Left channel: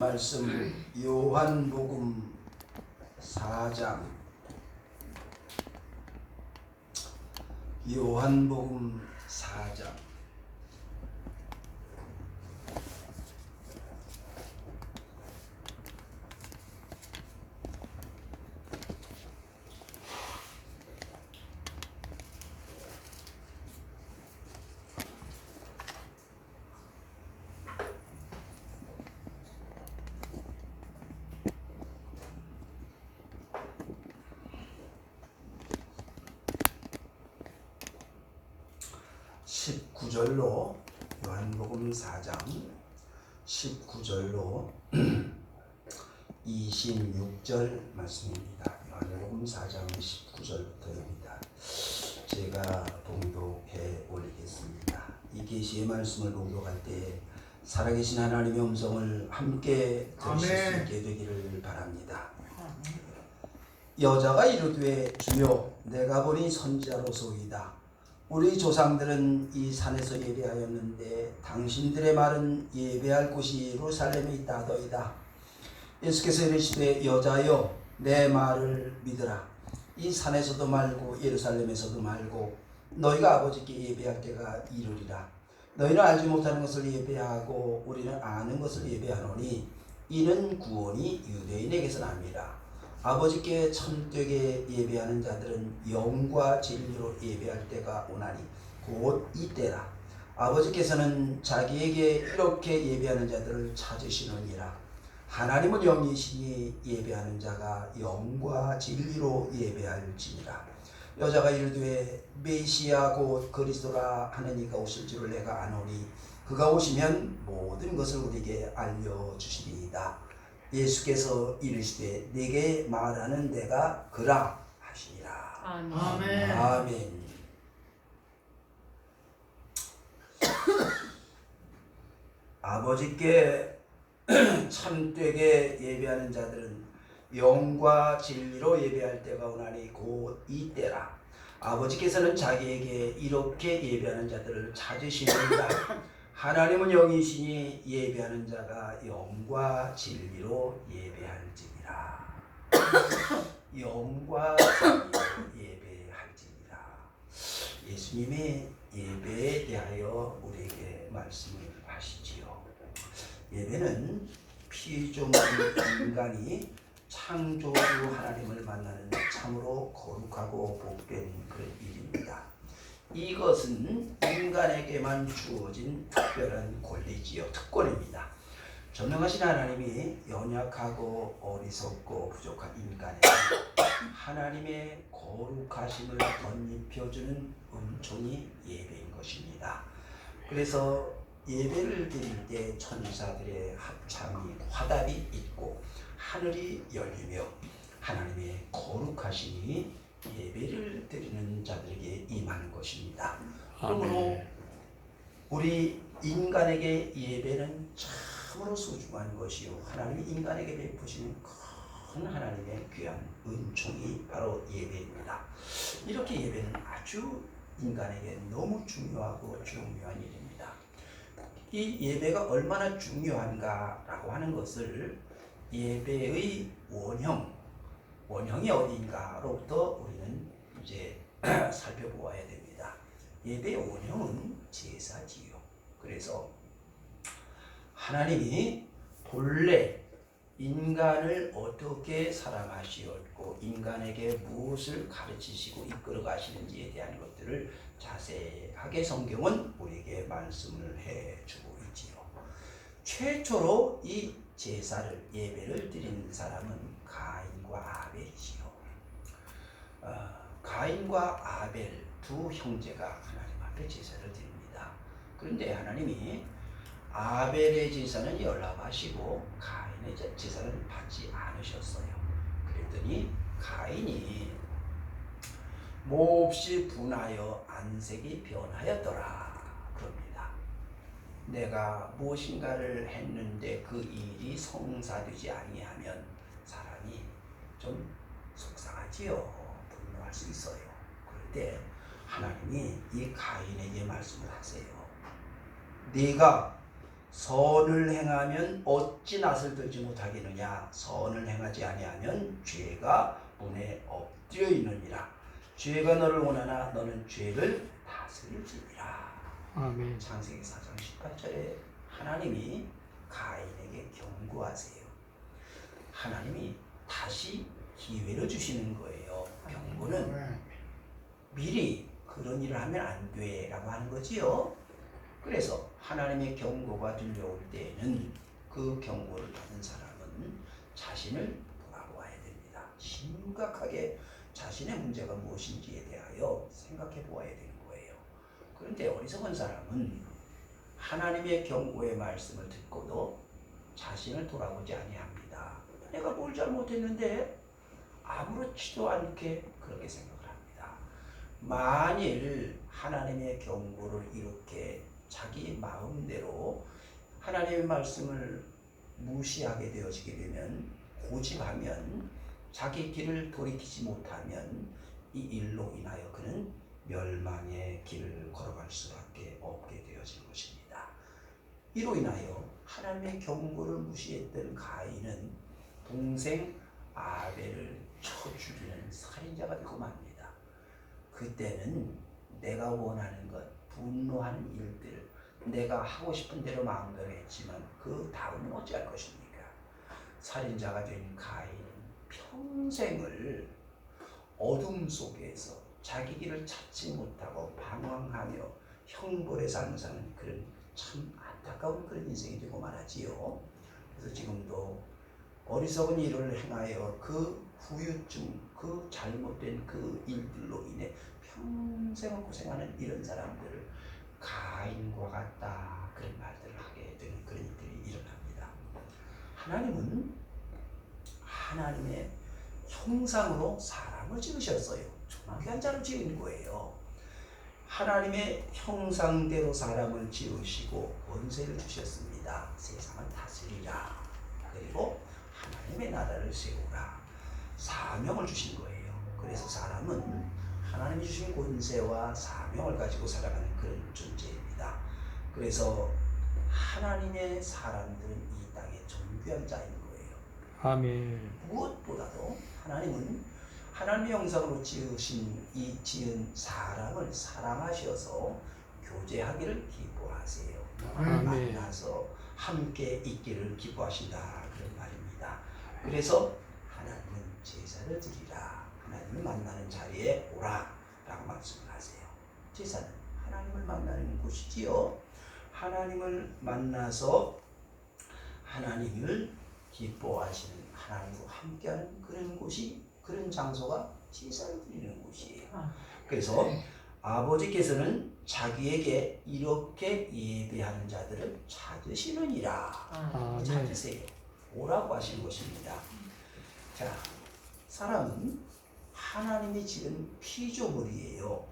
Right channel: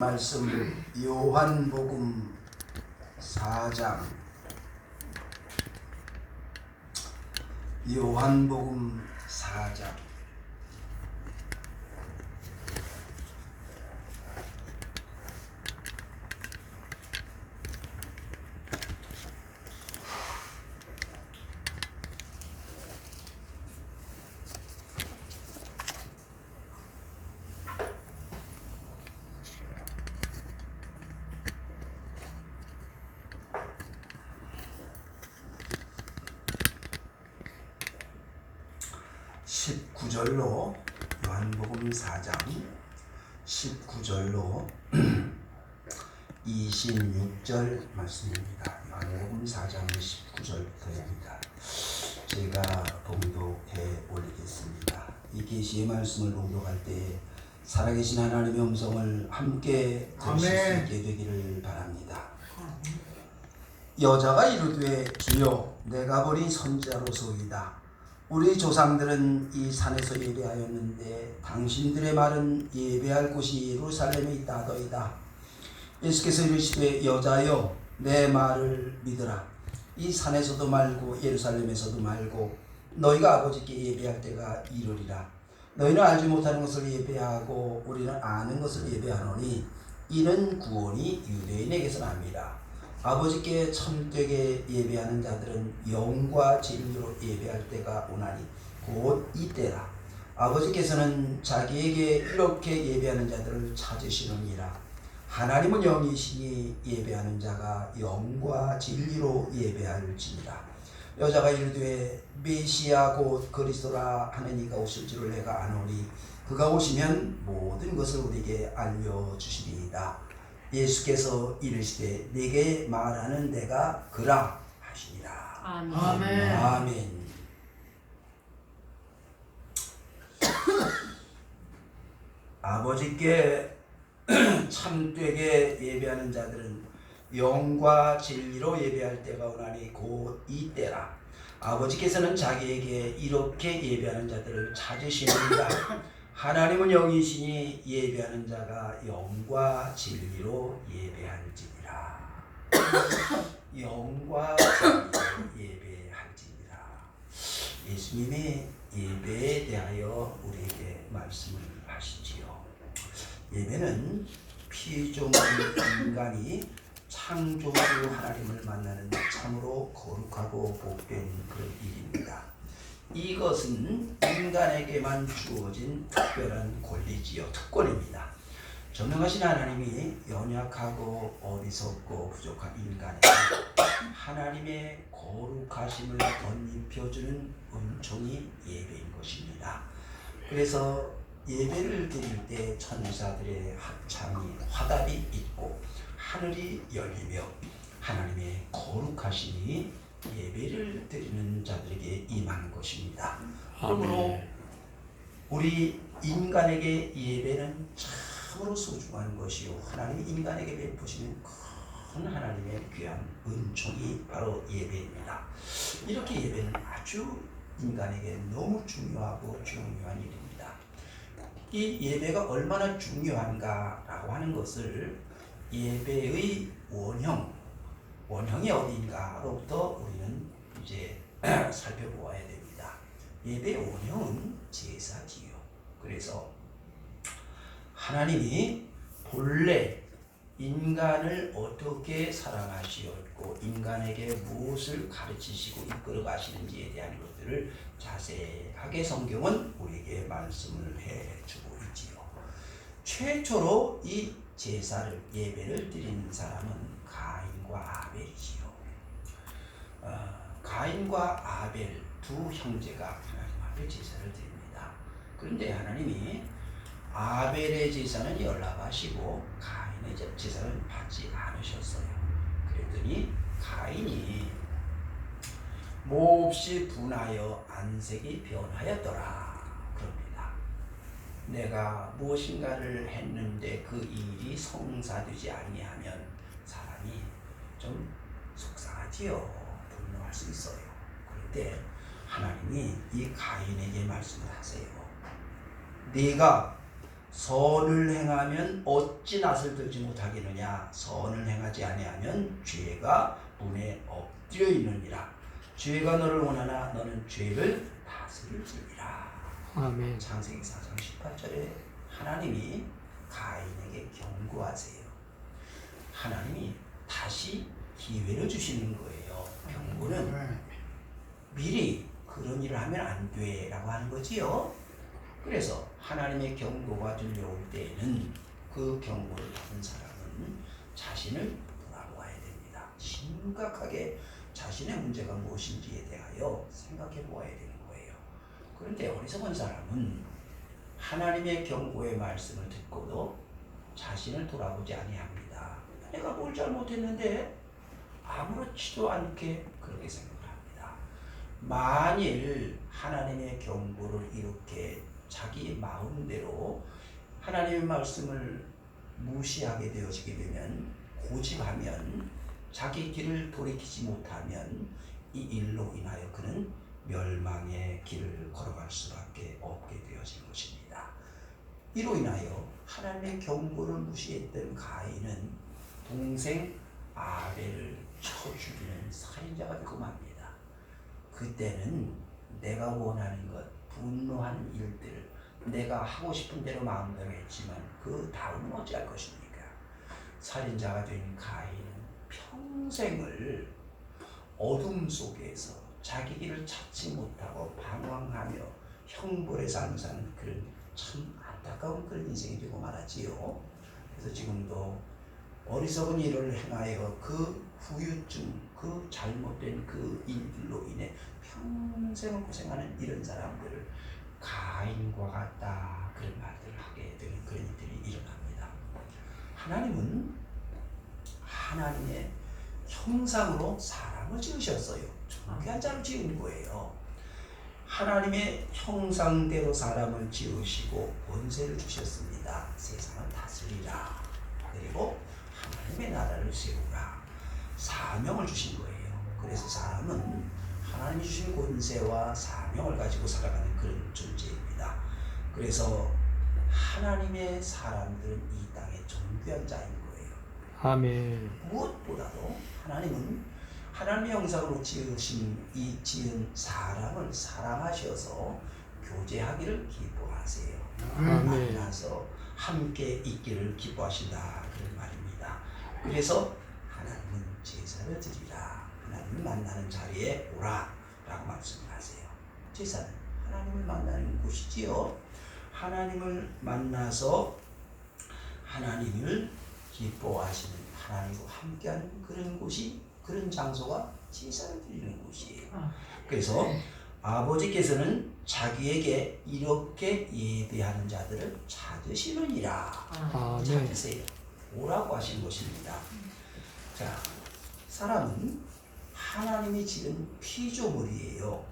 말씀 요한복음 4장 요한복음 4장 19절로 요한복음 4장 19절로 26절 말씀입니다. 요한복음 4장 19절부터입니다. 제가 봉독해 올리겠습니다. 이 계시의 말씀을 봉독할 때 살아계신 하나님의 음성을 함께 들으실 수 있게 되기를 바랍니다. 여자가 이르되 주여 내가 보니 선지자로소이다. 우리 조상들은 이 산에서 예배하였는데 당신들의 말은 예배할 곳이 예루살렘에 있다 하더이다. 예수께서 이르시되 여자여 내 말을 믿으라. 이 산에서도 말고 예루살렘에서도 말고 너희가 아버지께 예배할 때가 이르리라. 너희는 알지 못하는 것을 예배하고 우리는 아는 것을 예배하노니 이는 구원이 유대인에게서 납니다. 아버지께 참되게 예배하는 자들은 영과 진리로 예배할 때가 오나니 곧 이때라. 아버지께서는 자기에게 이렇게 예배하는 자들을 찾으시느니라. 하나님은 영이시니 예배하는 자가 영과 진리로 예배할지니라. 여자가 이르되 메시아 곧 그리스도라 하는 이가 오실 줄을 내가 아노니 그가 오시면 모든 것을 우리에게 알려주시리이다. 예수께서 이르시되 네게 말하는 내가 그라 하시니라. 아멘. 아멘. 아버지께 참되게 예배하는 자들은 영과 진리로 예배할 때가 오나니 곧 이때라. 아버지께서는 자기에게 이렇게 예배하는 자들을 찾으시느니라. 하나님은 영이시니 예배하는 자가 영과 진리로 예배할지니라. 영과 진리로 예배할지니라. 예수님이 예배에 대하여 우리에게 말씀을 하시지요. 예배는 피조물 인간이 창조주 하나님을 만나는 참으로 거룩하고 복된 그런 일입니다. 이것은 인간에게만 주어진 특별한 권리지요, 특권입니다. 전능하신 하나님이 연약하고 어리석고 부족한 인간에게 하나님의 거룩하심을 덧입혀주는 은총이 예배인 것입니다. 그래서 예배를 드릴 때 천사들의 합창이 화답이 있고 하늘이 열리며 하나님의 거룩하심이 예배를 드리는 자들에게 임하는 것입니다. 그러므로 우리 인간에게 예배는 참으로 소중한 것이요 하나님이 인간에게 베푸시는 큰 하나님의 귀한 은총이 바로 예배입니다. 이렇게 예배는 아주 인간에게 너무 중요하고 중요한 일입니다. 이 예배가 얼마나 중요한가라고 하는 것을 예배의 원형이 어디인가로부터 우리는 이제 살펴보아야 됩니다. 예배의 원형은 제사지요. 그래서 하나님이 본래 인간을 어떻게 사랑하시었고 인간에게 무엇을 가르치시고 이끌어 가시는지에 대한 것들을 자세하게 성경은 우리에게 말씀을 해주고 있지요. 최초로 이 제사를 예배를 드리는 사람은 가인과 아벨이지요. 가인과 아벨 두 형제가 하나님 앞에 제사를 드립니다. 그런데 하나님이 아벨의 제사는 연락하시고 가인의 제사는 받지 않으셨어요. 그랬더니 가인이 몹시 분하여 안색이 변하였더라 그럽니다. 내가 무엇인가를 했는데 그 일이 성사되지 아니하면 사람이 좀 속상하지요. 분노할 수 있어요. 그런데 하나님이 이 가인에게 말씀을 하세요. 네가 선을 행하면 어찌 낯을 들지 못하겠느냐. 선을 행하지 아니하면 죄가 문에 엎드려 있느니라. 죄가 너를 원하나 너는 죄를 다스릴지니라. 아멘. 창세기 4장 18절에 하나님이 가인에게 경고하세요. 하나님이 다시 기회를 주시는 거예요. 경고는 미리 그런 일을 하면 안 돼라고 하는 거지요. 그래서 하나님의 경고가 들려올 때에는 그 경고를 받은 사람은 자신을 돌아보아야 됩니다. 심각하게 자신의 문제가 무엇인지에 대하여 생각해 보아야 되는 거예요. 그런데 어리석은 사람은 하나님의 경고의 말씀을 듣고도 자신을 돌아보지 아니합니다. 내가 뭘 잘못했는데 아무렇지도 않게 그렇게 생각을 합니다. 만일 하나님의 경고를 이렇게 자기 마음대로 하나님의 말씀을 무시하게 되어지게 되면, 고집하면, 자기 길을 돌이키지 못하면 이 일로 인하여 그는 멸망의 길을 걸어갈 수밖에 없게 되어진 것입니다. 이로 인하여 하나님의 경고를 무시했던 가인은 동생 아벨을 쳐 죽이는 살인자가 되고 맙니다. 그때는 내가 원하는 것, 분노하는 일들을 내가 하고 싶은 대로 마음대로 했지만 그 다음은 어찌할 것입니까? 살인자가 된 가인은 평생을 어둠 속에서 자기 길을 찾지 못하고 방황하며 형벌의 삶을 사는 그런 참 안타까운 그런 인생이 되고 말았지요. 그래서 지금도 어리석은 일을 행하여 그 후유증, 그 잘못된 그 일들로 인해 평생을 고생하는 이런 사람들을 가인과 같다, 그런 말들을 하게 되는 그런 일들이 일어납니다. 하나님은 하나님의 형상으로 사람을 지으셨어요. 존귀한 자로 지은 거예요. 하나님의 형상대로 사람을 지으시고 권세를 주셨습니다. 세상을 다스리라. 그리고 하나님의 나라를 세우라. 사명을 주신 거예요. 그래서 사람은 하나님이 주신 권세와 사명을 가지고 살아가는 그런 존재입니다. 그래서 하나님의 사람들은 이 땅의 존귀한 자인 거예요. 아멘. 무엇보다도 하나님은 하나님의 형상으로 지은 사람을 사랑하셔서 교제하기를 기뻐하세요. 아멘. 만나서 함께 있기를 기뻐하신다, 그런 말입니다. 그래서 하나님은 제사를 드리라, 하나님을 만나는 자리에 오라 라고 말씀하세요. 제사는 하나님을 만나는 곳이지요. 하나님을 만나서 하나님을 기뻐하시는, 하나님과 함께하는 그런 곳이, 그런 장소가 제사를 드리는 곳이에요. 그래서 아버지께서는 자기에게 이렇게 예배하는 자들을 찾으시느니라. 아멘. 찾으세요. 오라고 하신 것입니다. 자, 사람은 하나님이 지은 피조물이에요.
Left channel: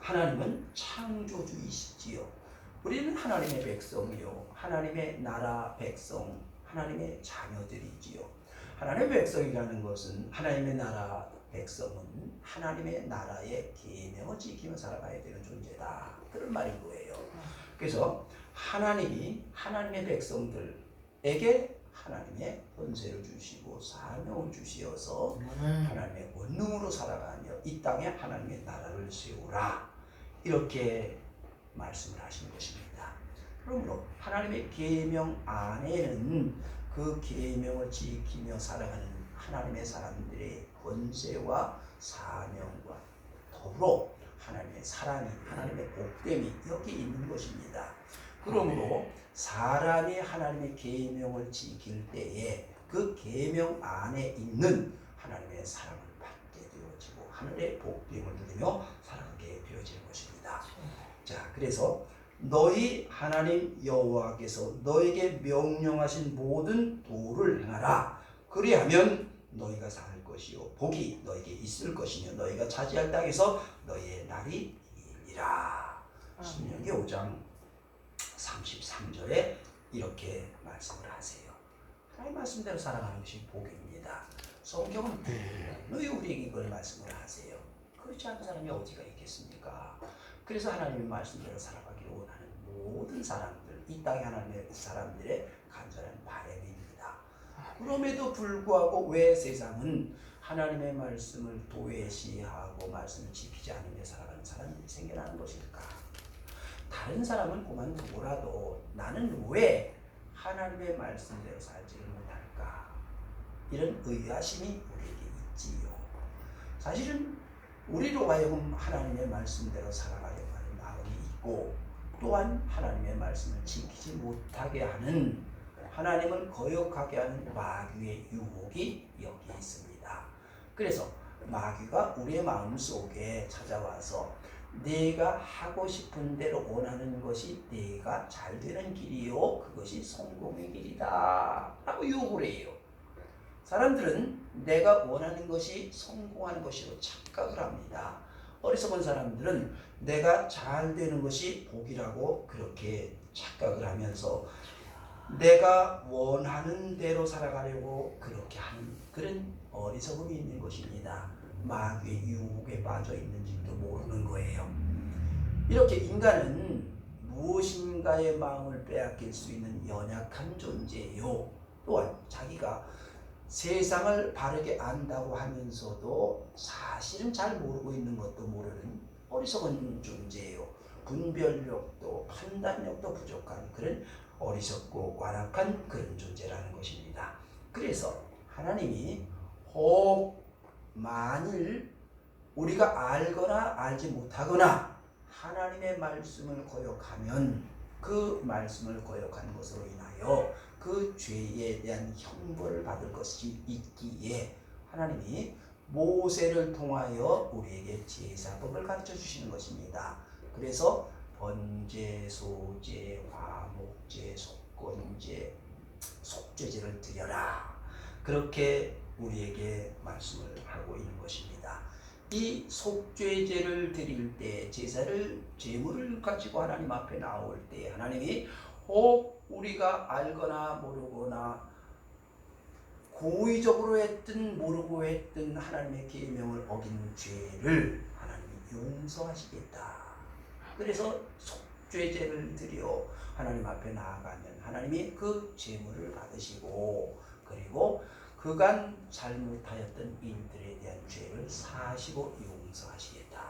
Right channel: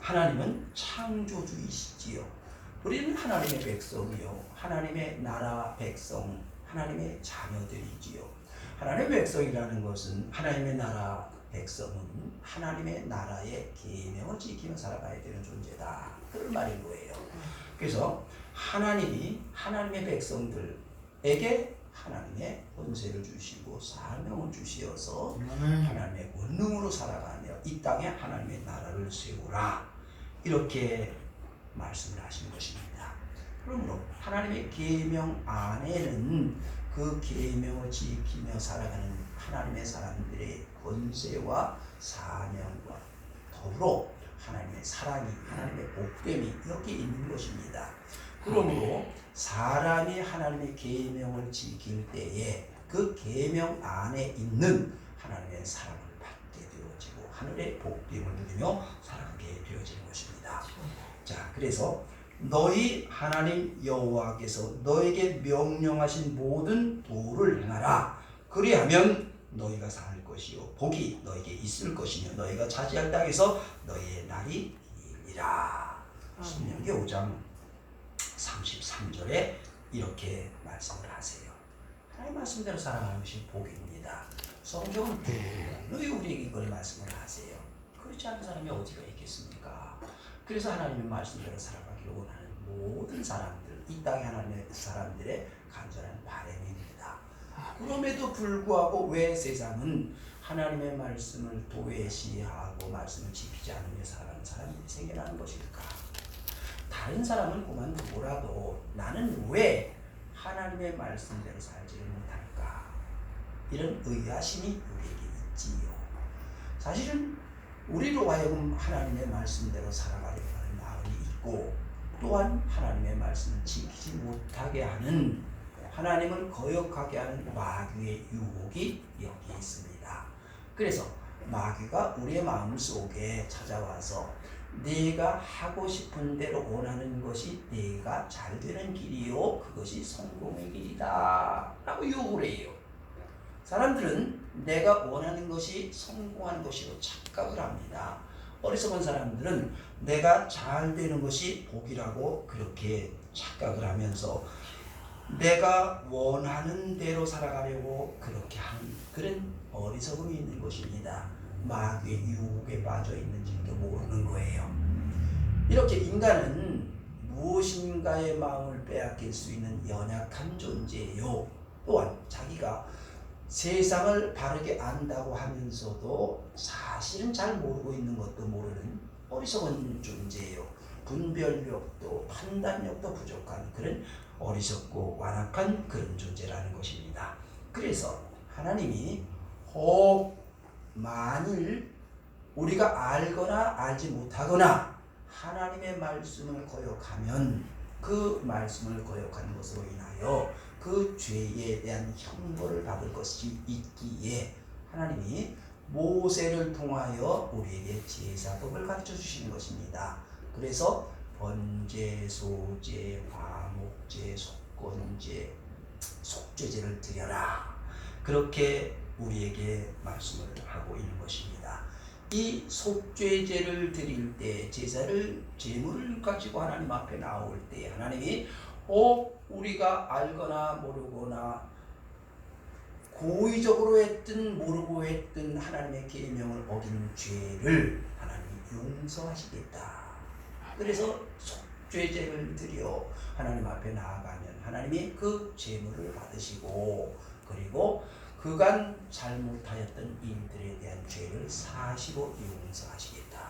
하나님은 창조주이시지요. 우리는 하나님의 백성이요, 하나님의 나라 백성, 하나님의 자녀들이지요. 하나님의 백성이라는 것은, 하나님의 나라 백성은 하나님의 나라의 계명을 지키며 살아가야 되는 존재다, 그런 말인 거예요. 그래서 하나님이 하나님의 백성들에게 하나님의 권세를 주시고 사명을 주시어서 하나님의 권능으로 살아가며 이 땅에 하나님의 나라를 세우라, 이렇게 말씀을 하시는 것입니다. 그러므로 하나님의 계명 안에는 그 계명을 지키며 살아가는 하나님의 사람들의 권세와 사명과 더불어 하나님의 사랑이, 하나님의 복됨이 여기 있는 것입니다. 그러므로 사람이 하나님의 계명을 지킬 때에 그 계명 안에 있는 하나님의 사랑을 받게 되어지고 하늘의 복됨을 누리며 살아가게 되어지는 것입니다. 자, 그래서 너희 하나님 여호와께서 너에게 명령하신 모든 도를 행하라. 그리하면 너희가 살 것이요 복이 너에게 있을 것이며 너희가 차지할 땅에서 너희의 날이 길리라. 신명기 5장 33절에 이렇게 말씀을 하세요. 하나님 말씀대로 살아가는 것이 복입니다. 성경은 너희 우리에게 이걸 말씀을 하세요. 그렇지 않은 사람이 어디가 있겠습니까? 그래서 하나님의 말씀대로 살아가기를 원하는 모든 사람들, 이 땅의 하나님의 사람들의 간절한 바람입니다. 그럼에도 불구하고 왜 세상은 하나님의 말씀을 도외시하고 말씀을 지키지 않으며 살아가는 사람들이 생겨나는 것일까? 다른 사람은 그만두고라도 나는 왜 하나님의 말씀대로 살지를 못할까? 이런 의아심이 우리에게 있지요. 사실은 우리로 하여금 하나님의 말씀대로 살아가려고 하는 마음이 있고, 또한 하나님의 말씀을 지키지 못하게 하는, 하나님을 거역하게 하는 마귀의 유혹이 여기 있습니다. 그래서 마귀가 우리의 마음속에 찾아와서 내가 하고 싶은 대로 원하는 것이 내가 잘 되는 길이요, 그것이 성공의 길이다 라고 유혹을 해요. 사람들은 내가 원하는 것이 성공하는 것이로 착각을 합니다. 어리석은 사람들은 내가 잘 되는 것이 복이라고 그렇게 착각을 하면서 내가 원하는 대로 살아가려고 그렇게 하는 그런 어리석음이 있는 것입니다. 마귀의 유혹에 빠져 있는지도 모르는 거예요. 이렇게 인간은 무엇인가의 마음을 빼앗길 수 있는 연약한 존재예요. 또한 자기가 세상을 바르게 안다고 하면서도 사실은 잘 모르고 있는 것도 모르는 어리석은 존재예요. 분별력도 판단력도 부족한 그런 어리석고 완악한 그런 존재라는 것입니다. 그래서 하나님이 혹 만일 우리가 알거나 알지 못하거나 하나님의 말씀을 거역하면 그 말씀을 거역하는 것으로 인하여 그 죄에 대한 형벌을 받을 것이 있기에 하나님이 모세를 통하여 우리에게 제사법을 가르쳐 주시는 것입니다. 그래서 번제, 소제, 화목제, 속건제, 속죄제를 드려라, 그렇게 우리에게 말씀을 하고 있는 것입니다. 이 속죄제를 드릴 때, 제물을 가지고 하나님 앞에 나올 때 하나님이 혹 우리가 알거나 모르거나 고의적으로 했든 모르고 했든 하나님의 계명을 어긴 죄를 하나님이 용서하시겠다. 그래서 속죄제를 드려 하나님 앞에 나아가면 하나님이 그 제물을 받으시고, 그리고 그간 잘못하였던 일들에 대한 죄를 사하시고 용서하시겠다.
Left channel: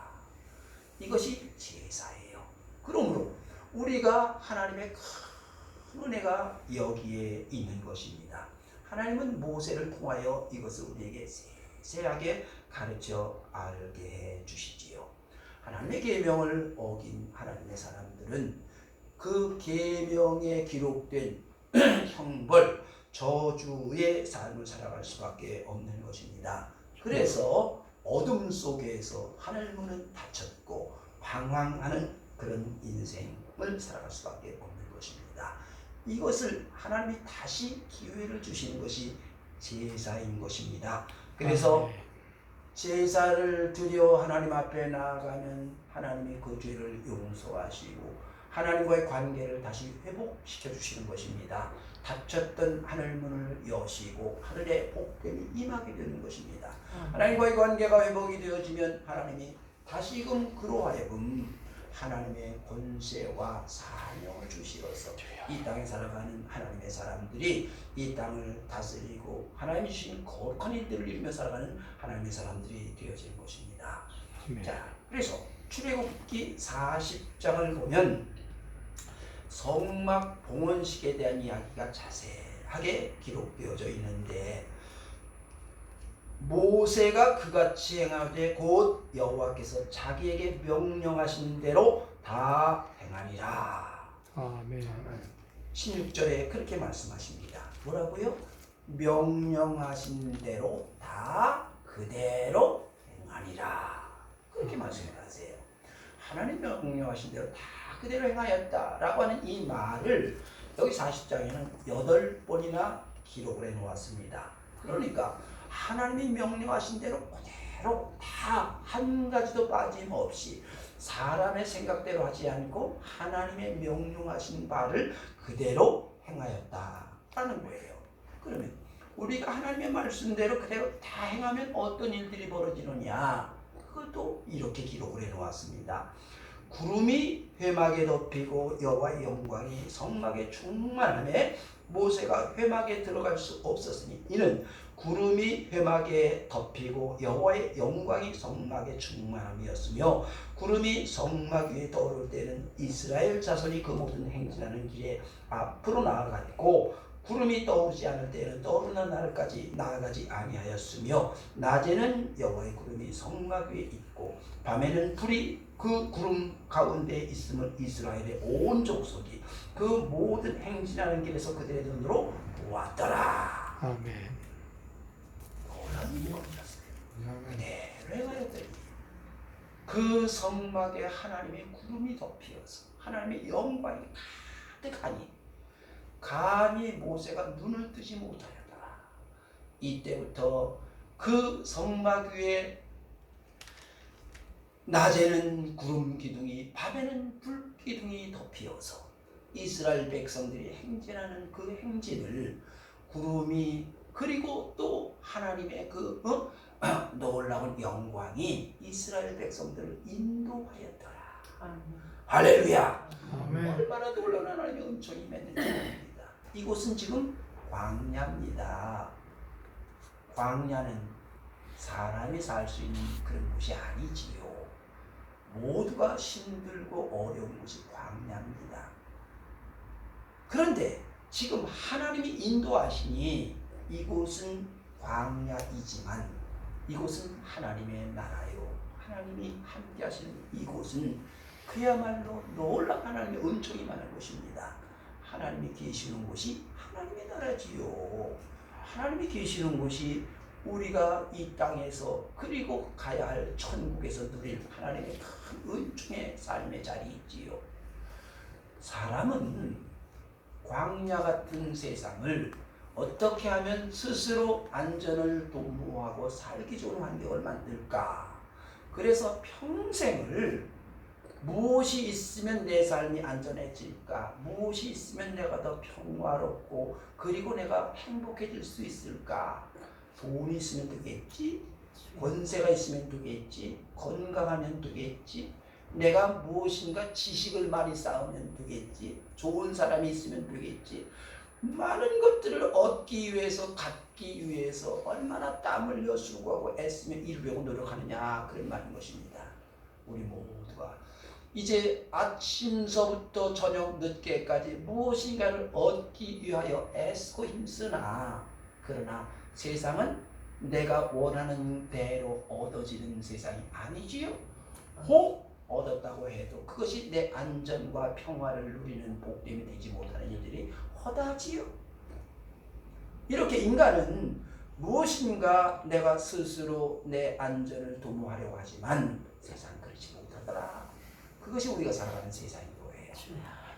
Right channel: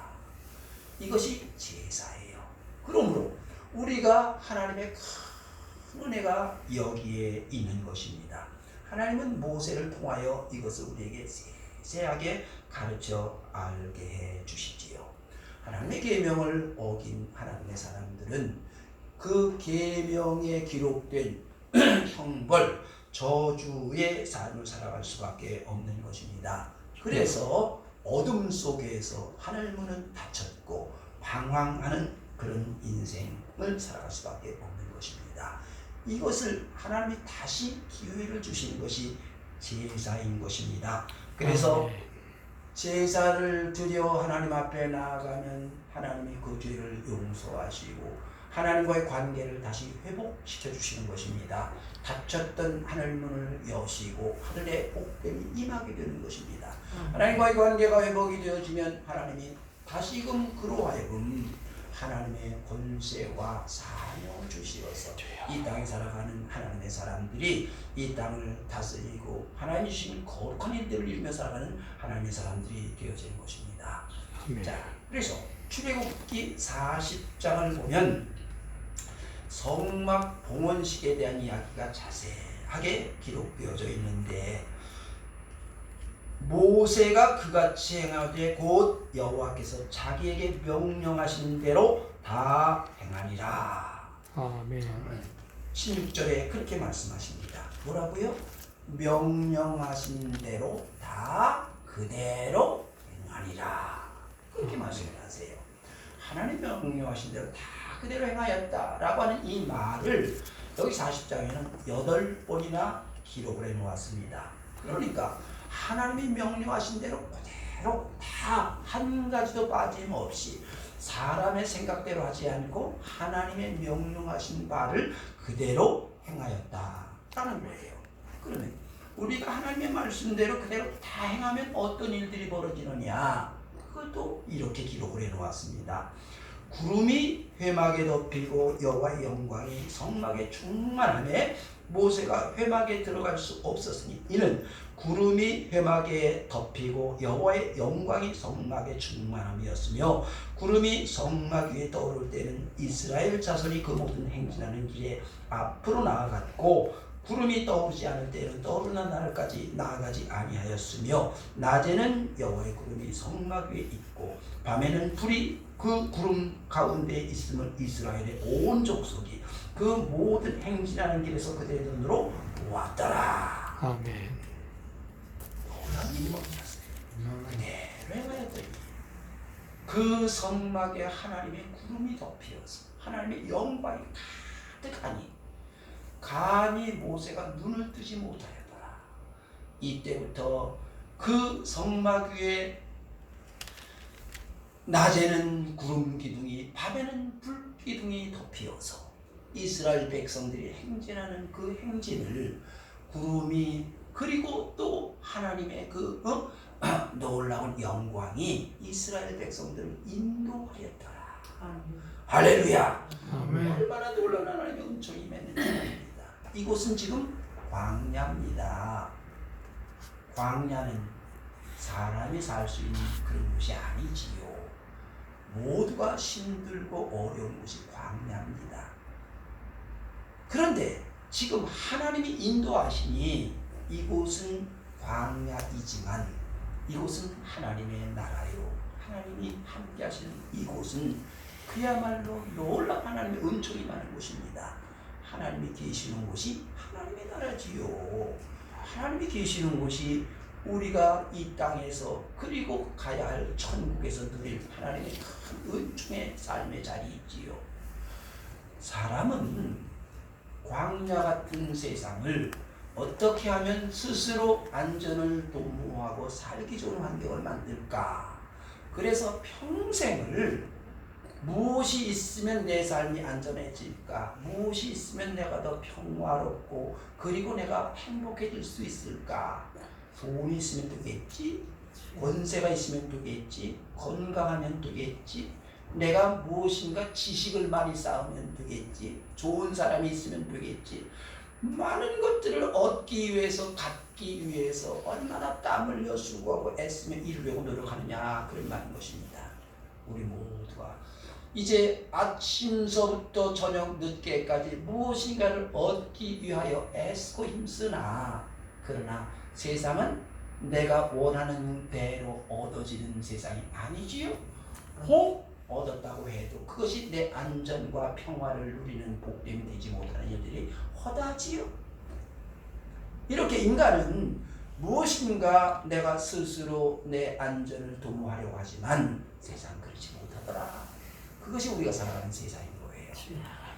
이것이 제사예요. 그러므로 우리가 하나님의 큰 은혜가 여기에 있는 것입니다. 하나님은 모세를 통하여 이것을 우리에게 세세하게 가르쳐 알게 해 주시지요. 하나님의 계명을 어긴 하나님의 사람들은 그 계명에 기록된 형벌, 저주의 삶을 살아갈 수밖에 없는 것입니다. 그래서 어둠 속에서 하늘 문은 닫혔고 방황하는 그런 인생을 살아갈 수밖에 없는 것입니다. 이것을 하나님이 다시 기회를 주시는 것이 제사인 것입니다. 그래서 제사를 드려 하나님 앞에 나아가면 하나님이 그 죄를 용서하시고 하나님과의 관계를 다시 회복시켜 주시는 것입니다. 닫혔던 하늘문을 여시고 하늘의 복됨이 임하게 되는 것입니다. 하나님과의 관계가 회복이 되어지면 하나님이 다시금 그로 하여금 하나님의 권세와 사명을 주시어서 이 땅에 살아가는 하나님의 사람들이 이 땅을 다스리고 하나님이 주신 거룩한 일들을 이루며 살아가는 하나님의 사람들이 되어진 것입니다. 자, 그래서 출애굽기 40장을 보면 성막 봉헌식에 대한 이야기가 자세하게 기록되어져 있는데, 모세가 그같이 행하되 곧 여호와께서 자기에게 명령하신 대로 다 행하리라. 아멘. 16절에 그렇게 말씀하십니다. 뭐라고요? 명령하신 대로 다 그대로 행하리라. 그렇게 말씀을 하세요. 하나님 명령하신 대로 다 그대로 행하였다라고 하는 이 말을 여기 40장에는 8번이나 기록을 해놓았습니다. 그러니까 하나님이 명령하신 대로 그대로 다 한 가지도 빠짐없이 사람의 생각대로 하지 않고 하나님의 명령하신 바를 그대로 행하였다라는 거예요. 그러면 우리가 하나님의 말씀대로 그대로 다 행하면 어떤 일들이 벌어지느냐, 그것도 이렇게 기록을 해놓았습니다. 구름이 회막에 덮이고 여호와의 영광이 성막에 충만하매 모세가 회막에 들어갈 수 없었으니 이는 구름이 회막에 덮이고 여호와의 영광이 성막에 충만함이었으며 구름이 성막 위에 떠오를 때는 이스라엘 자손이 그 모든 행진하는 길에 앞으로 나아갔고 구름이 떠오르지 않을 때는 떠오르는 날까지 나아가지 아니하였으며 낮에는 여호와의 구름이 성막 위에 있고 밤에는 불이 그 구름 가운데 있음을 이스라엘의 온 족속이 그 모든 행진하는 길에서 그들의 눈으로 보았더라. 아멘. 놀라운 일이 없었어요. 그대로 행하였더니 그 성막에 하나님의 구름이 덮여서 하나님의 영광이 가득하니 감히 모세가 눈을 뜨지 못하였더라. 이때부터 그 성막 위에 낮에는 구름 기둥이 밤에는 불 기둥이 덮여서 이스라엘 백성들이 행진하는 그 행진을 구름이 그리고 또 하나님의 그 놀라운 영광이 이스라엘 백성들을 인도하였더라. 할렐루야. 아멘. 얼마나 놀라운 하나님의 은총이 맺는 자입니다. 이곳은 지금 광야입니다. 광야는 사람이 살 수 있는 그런 곳이 아니지요. 모두가 힘들고 어려운 곳이 광야입니다. 그런데 지금 하나님이 인도하시니 이곳은 광야이지만 이곳은 하나님의 나라요. 하나님이 함께 하시는 이곳은 그야말로 놀라운 하나님의 은총이 많은 곳입니다. 하나님이 계시는 곳이 하나님의 나라지요. 하나님이 계시는 곳이 우리가 이 땅에서 그리고 가야 할 천국에서 누릴 하나님의 큰 은총의 삶의 자리이지요. 사람은 광야 같은 세상을 어떻게 하면 스스로 안전을 도모하고 살기 좋은 환경을 만들까? 그래서 평생을 무엇이 있으면 내 삶이 안전해질까? 무엇이 있으면 내가 더 평화롭고 그리고 내가 행복해질 수 있을까? 돈이 있으면 되겠지? 권세가 있으면 되겠지? 건강하면 되겠지? 내가 무엇인가 지식을 많이 쌓으면 되겠지? 좋은 사람이 있으면 되겠지? 많은 것들을 얻기 위해서 갖기 위해서 얼마나 땀 흘려 수고하고 애쓰며 이루려고 노력하느냐 그런 말인 것입니다. 우리 모두가 이제 아침서부터 저녁 늦게까지 무엇인가를 얻기 위하여 애쓰고 힘쓰나 그러나 세상은 내가 원하는 대로 얻어지는 세상이 아니지요. 혹 얻었다고 해도 그것이 내 안전과 평화를 누리는 복됨이 되지 못하는 일들이 허다지요. 이렇게 인간은 무엇인가 내가 스스로 내 안전을 도모하려고 하지만 세상 그렇지 못하더라. 그것이 우리가 살아가는 세상인 거예요.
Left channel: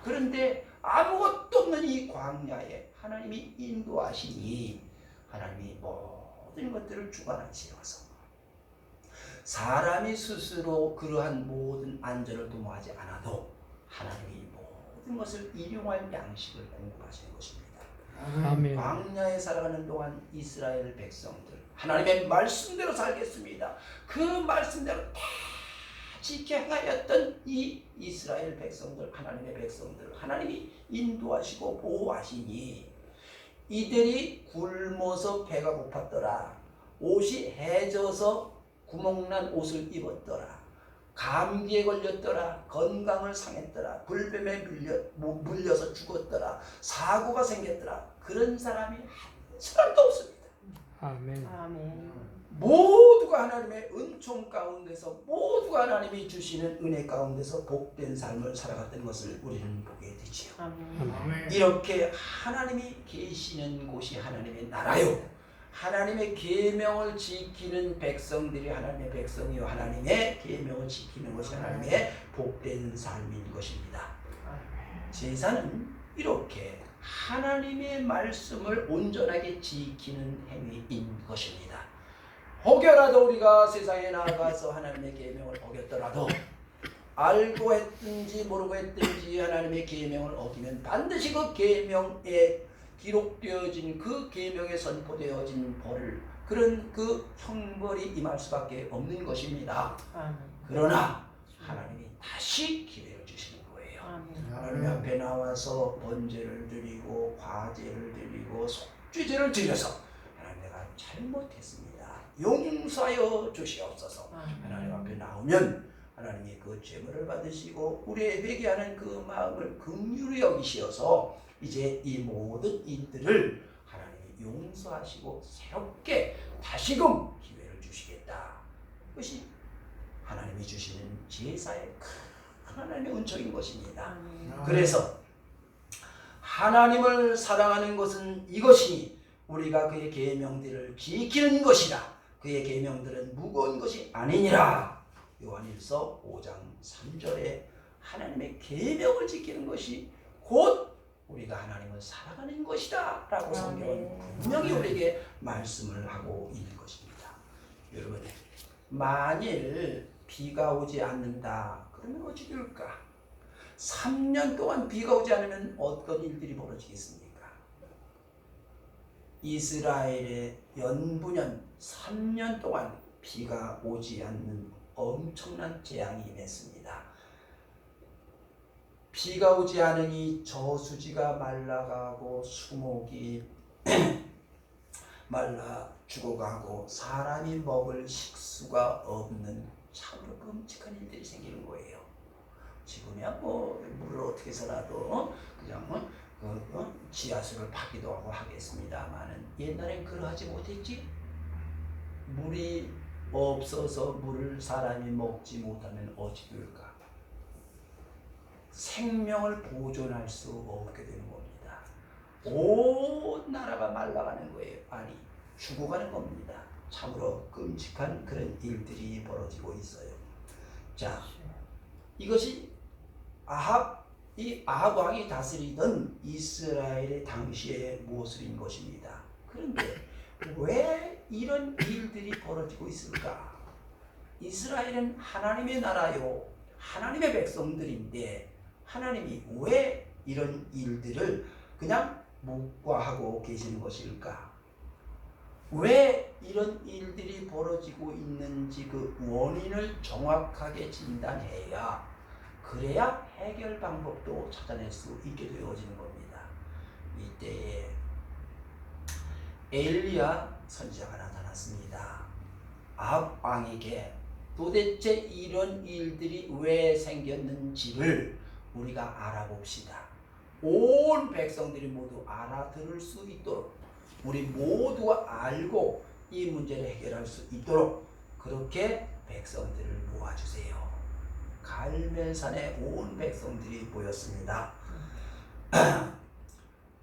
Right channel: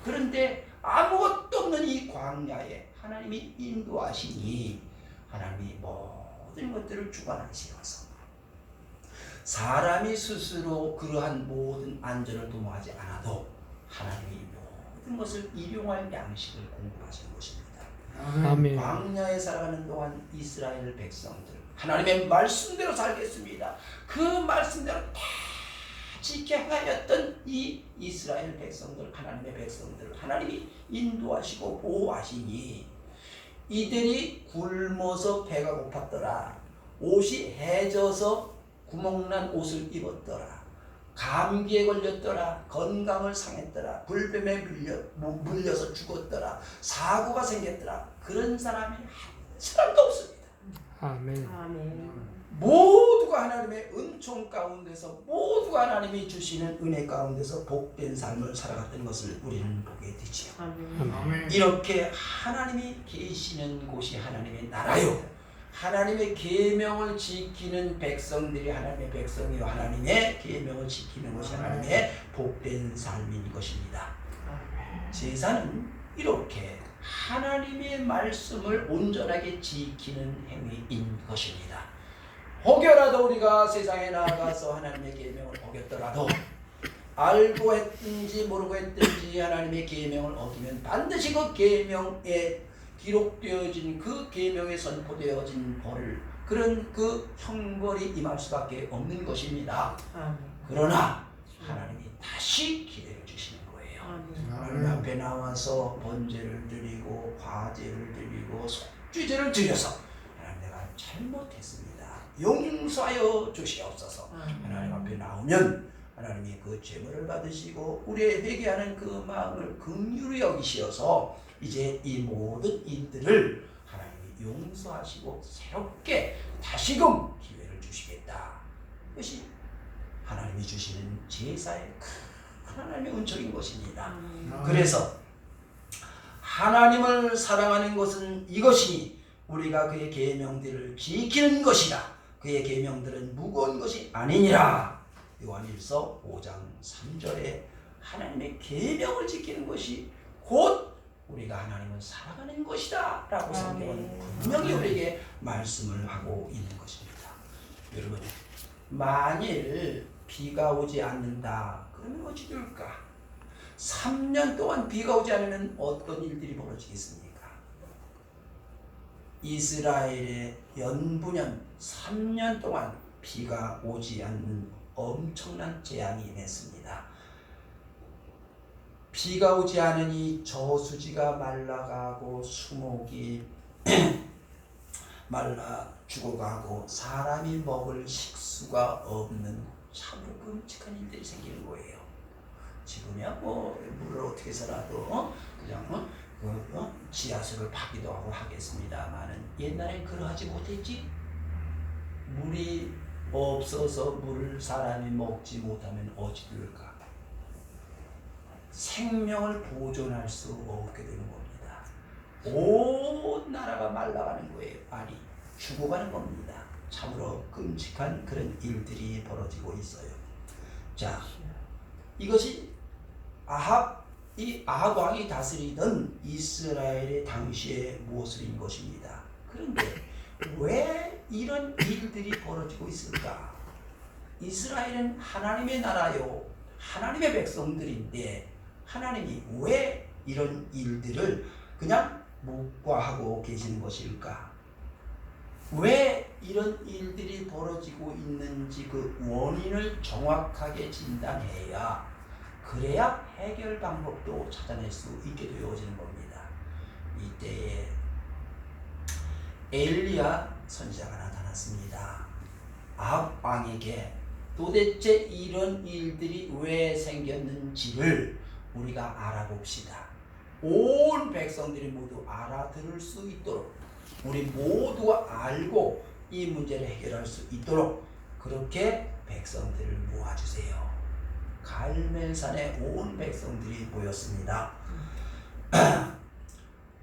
그런데 아무것도 없는 이 광야에 하나님이 인도하시니 하나님이 모든 것들을 주관하시면서 사람이 스스로 그러한 모든 안전을 도모하지 않아도 하나님이 모든 것을 일용할 양식을 공급하시는 것입니다. 아멘. 광야에 살아가는 동안 이스라엘 백성들 하나님의 말씀대로 살겠습니다. 그 말씀대로 다 지켜 행하였던 이 이스라엘 백성들 하나님의 백성들 하나님이 인도하시고 보호하시니 이들이 굶어서 배가 고팠더라. 옷이 해져서 구멍난 옷을 입었더라. 감기에 걸렸더라. 건강을 상했더라. 불뱀에 물려서 죽었더라. 사고가 생겼더라. 그런 사람이 한 사람도 없습니다. 아멘. 아멘. 모두가 하나님의 은총 가운데서 모두가 하나님이 주시는 은혜 가운데서 복된 삶을 살아갔던 것을 우리는 보게 되지요. 아멘. 이렇게 하나님이 계시는 곳이 하나님의 나라요. 하나님의 계명을 지키는 백성들이 하나님의 백성이요 하나님의 계명을 지키는 것이 하나님의 복된 삶인 것입니다. 제사는 이렇게 하나님의 말씀을 온전하게 지키는 행위인 것입니다. 혹여라도 우리가 세상에 나가서 하나님의 계명을 어겼더라도 알고 했든지 모르고 했든지 하나님의 계명을 어기면 반드시 그 계명에 기록되어진 그 계명에 선포되어진 벌을 그런 그 형벌이 임할 수밖에 없는 것입니다. 그러나 하나님이 다시 기회를 주시는 거예요. 하나님 아멘. 앞에 나와서 번제를 드리고 과제를 드리고 속죄제를 드려서 하나님 내가 잘못했습니다. 용서하여 주시옵소서. 하나님 앞에 나오면 하나님이 그 죄물을 받으시고 우리의 회개하는 그 마음을 긍휼히 여기시어서 이제 이 모든 일들을 하나님이 용서하시고 새롭게 다시금 기회를 주시겠다. 그것이 하나님이 주시는 제사의 큰 하나님의 은총인 것입니다. 그래서 하나님을 사랑하는 것은 이것이니 우리가 그의 계명들을 지키는 것이라. 그의 계명들은 무거운 것이 아니니라. 요한일서 5장 3절에 하나님의 계명을 지키는 것이 곧 우리가 하나님을 사랑하는 것이다 라고 성경은 분명히 우리에게 말씀을 하고 있는 것입니다. 여러분, 만일 비가 오지 않는다 그러면 어찌 될까? 3년 동안 비가 오지 않으면 어떤 일들이 벌어지겠습니까? 이스라엘의 연분연 3년 동안 비가 오지 않는 엄청난 재앙이 임했습니다. 비가 오지 않으니 저수지가 말라가고 수목이 말라 죽어가고 사람이 먹을 식수가 없는 참으로 끔찍한 일들이 생기는 거예요. 지금이야 뭐 물을 어떻게 해서라도 그냥 지하수를 파기도 하고 하겠습니다만은 옛날엔 그러하지 못했지. 물이 없어서 물을 사람이 먹지 못하면 어찌 될까? 생명을 보존할 수 없게 되는 겁니다. 온 나라가 말라가는 거예요. 아니 죽어가는 겁니다. 참으로 끔찍한 그런 일들이 벌어지고 있어요. 자, 이것이 이 아합 왕이 다스리던 이스라엘의 당시의 모습인 것입니다. 그런데 왜 이런 일들이 벌어지고 있을까? 이스라엘은 하나님의 나라요, 하나님의 백성들인데 하나님이 왜 이런 일들을 그냥 묵과하고 계시는 것일까? 왜 이런 일들이 벌어지고 있는지 그 원인을 정확하게 진단해야 그래야 해결 방법도 찾아낼 수 있게 되어지는 겁니다. 이때에 엘리야 선지자가 나타났습니다. 아합 왕에게 도대체 이런 일들이 왜 생겼는지를 우리가 알아봅시다. 온 백성들이 모두 알아들을 수 있도록 우리 모두가 알고 이 문제를 해결할 수 있도록 그렇게 백성들을 모아주세요. 갈멜산에 온 백성들이 모였습니다.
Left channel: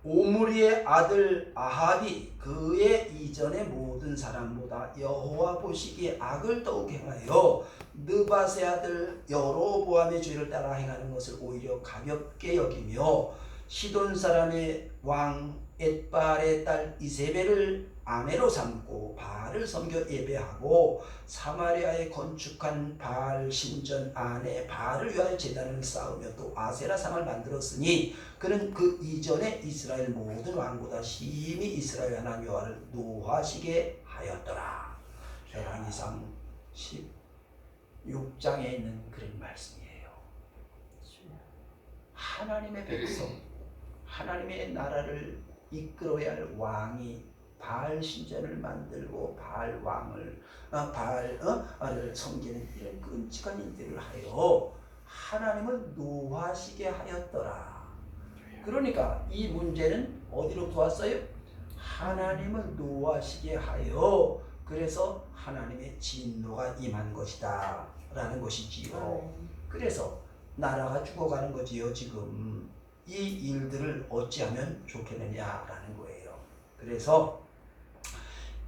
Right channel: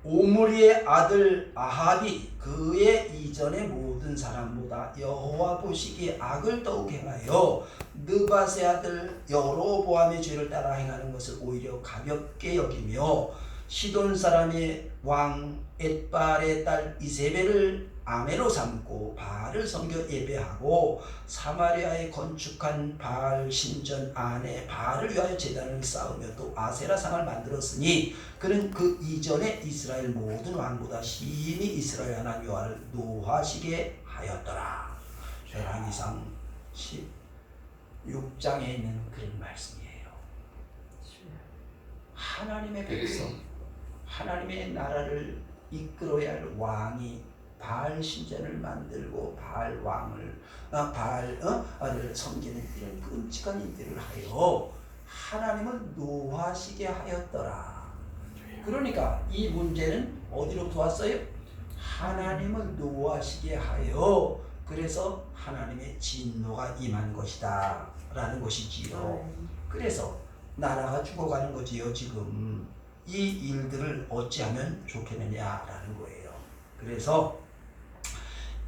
오므리의 아들 아합이 그의 이전의 모든 사람보다 여호와 보시기에 악을 더욱 행하여 느밧의 아들 여로보암의 죄를 따라 행하는 것을 오히려 가볍게 여기며 시돈 사람의 왕 엣발의 딸 이세벨을 아내로 삼고 바알을 섬겨 예배하고 사마리아에 건축한 바알 신전 안에 바알을 위하여 제단을 쌓으며 또 아세라상을 만들었으니 그는 그 이전에 이스라엘 모든 왕보다 심히 이스라엘 하나님 여호와를 노하시게 하였더라. 레위기상 16장에 있는 그런 말씀이에요. 하나님의 백성, 하나님의 나라를 이끌어야 할 왕이 바알 신전을 만들고 바알 왕을 바알을 섬기는 이런 끔찍한 일들을 하여 하나님을 노하시게 하였더라. 그러니까 이 문제는 어디로부터 왔어요? 하나님을 노하시게 하여 그래서 하나님의 진노가 임한 것이다 라는 것이지요. 그래서 나라가 죽어가는 거지요. 지금 이 일들을 어찌하면 좋겠느냐라는 거예요. 그래서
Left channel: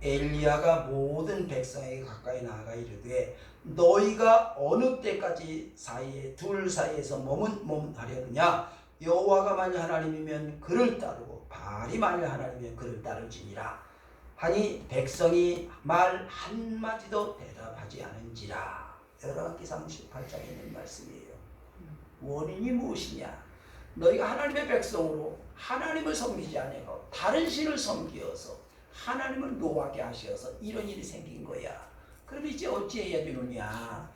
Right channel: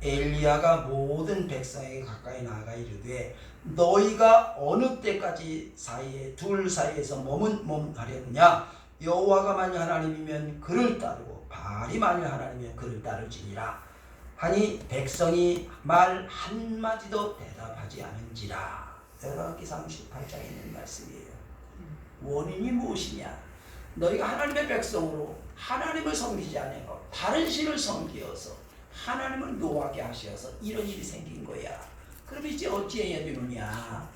엘리야가 모든 백성에게 가까이 나아가 이르되 너희가 어느 때까지 둘 사이에서 머뭇하려느냐? 여호와가 만일 하나님이면 그를 따르고 바알이 만일 하나님이면 그를 따를지니라 하니 백성이 말 한마디도 대답하지 않은지라. 열왕기상 18장에 있는 말씀이에요. 원인이 무엇이냐? 너희가 하나님의 백성으로 하나님을 섬기지 않고 다른 신을 섬기어서 하나님을 노하게 하셔서 이런 일이 생긴 거야. 그럼 이제 어찌해야 되느냐?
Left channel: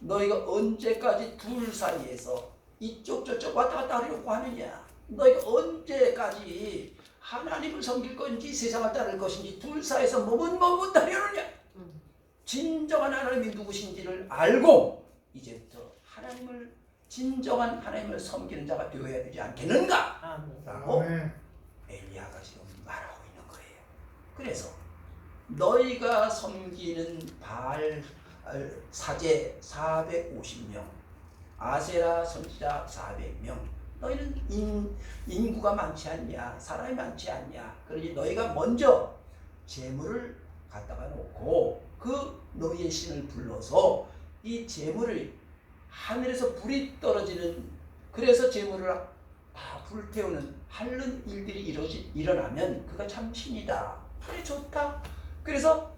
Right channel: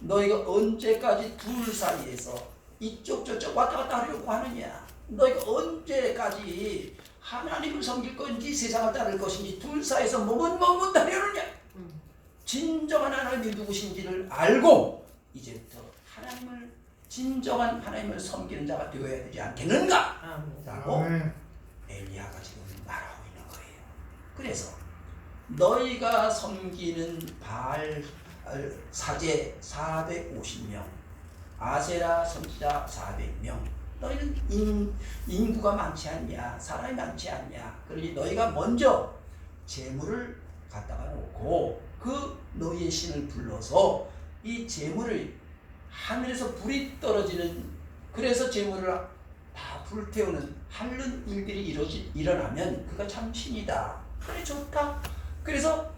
너희가 언제까지 둘 사이에서 이쪽 저쪽 왔다 갔다 하려고 하느냐? 너희가 언제까지 하나님을 섬길 건지 세상을 따를 것인지 둘 사이에서 머뭇머뭇하려느냐? 진정한 하나님이 누구신지를 알고 이제부터 하나님을 진정한 하나님을 섬기는 자가 되어야 되지 않겠는가? 라고 엘리야가 지금 말하고 있는 거예요. 그래서 너희가 섬기는 바알 사제 450명, 아세라 선지자 400명, 너희는 인구가 많지 않냐, 사람이 많지 않냐. 그러니 너희가 먼저 제물을 갖다가 놓고 그 너희의 신을 불러서 이 제물을 하늘에서 불이 떨어지는, 그래서 제물을 다 불태우는 하는 일들이 일어나면 그가 참 신이다. 그래 좋다. 그래서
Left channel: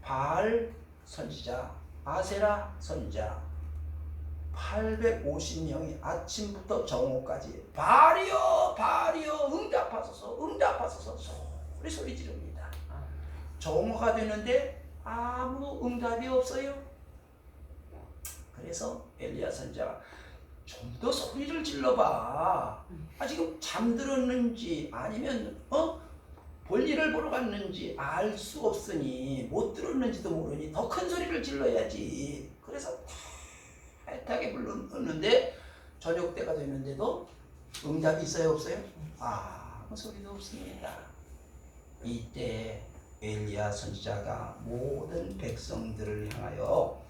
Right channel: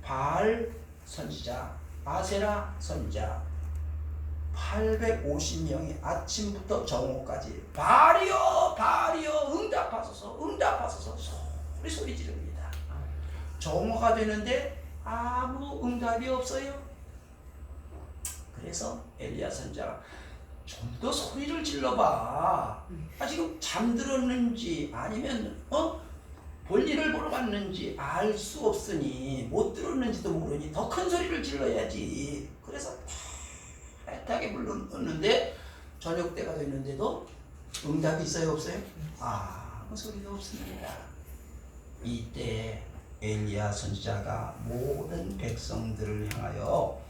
바알 선지자, 아세라 선지자 850명이 아침부터 정오까지 바알이여 바알이여 응답하소서 응답하소서 소리 지릅니다. 정오가 되는데 아무 응답이 없어요. 그래서 엘리야 선지자가 좀 더 소리를 질러봐. 지금 잠들었는지 아니면 볼일을 보러 갔는지 알 수 없으니 못 들었는지도 모르니 더 큰 소리를 질러야지. 그래서 애타게 불렀는데 저녁 때가 됐는데도 응답이 있어요 없어요? 아무 소리도 없습니다. 이때 엘리야 선지자가 모든 백성들을 향하여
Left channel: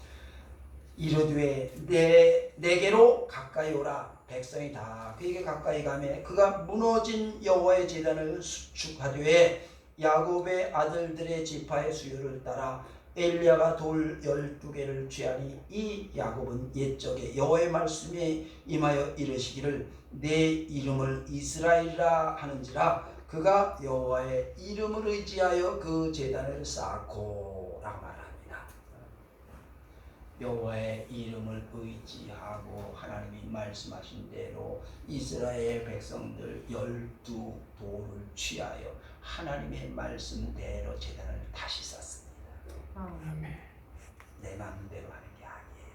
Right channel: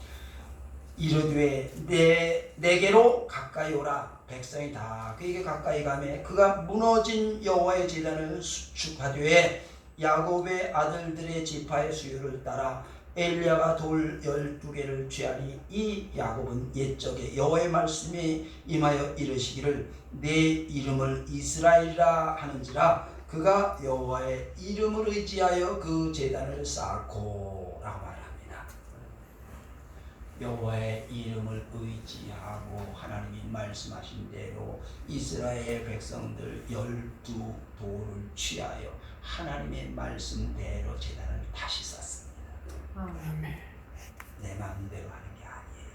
이르되 내게로 가까이 오라. 백성이 다 그에게 가까이 가매 그가 무너진 여호와의 제단을 수축하되 야곱의 아들들의 지파의 수요를 따라 엘리야가 돌 12개를 취하니 이 야곱은 옛적에 여호와의 말씀에 임하여 이르시기를 내 이름을 이스라엘이라 하는지라 그가 여호와의 이름을 의지하여 그 제단을 쌓고 라고 말합니다. 여호와의 이름을 의지하고 하나님이 말씀하신 대로 이스라엘 백성들 12돌을 취하여 하나님의 말씀대로 제단을 다시 쌓습니다. 아멘. 내 마음대로 하는 게 아니에요.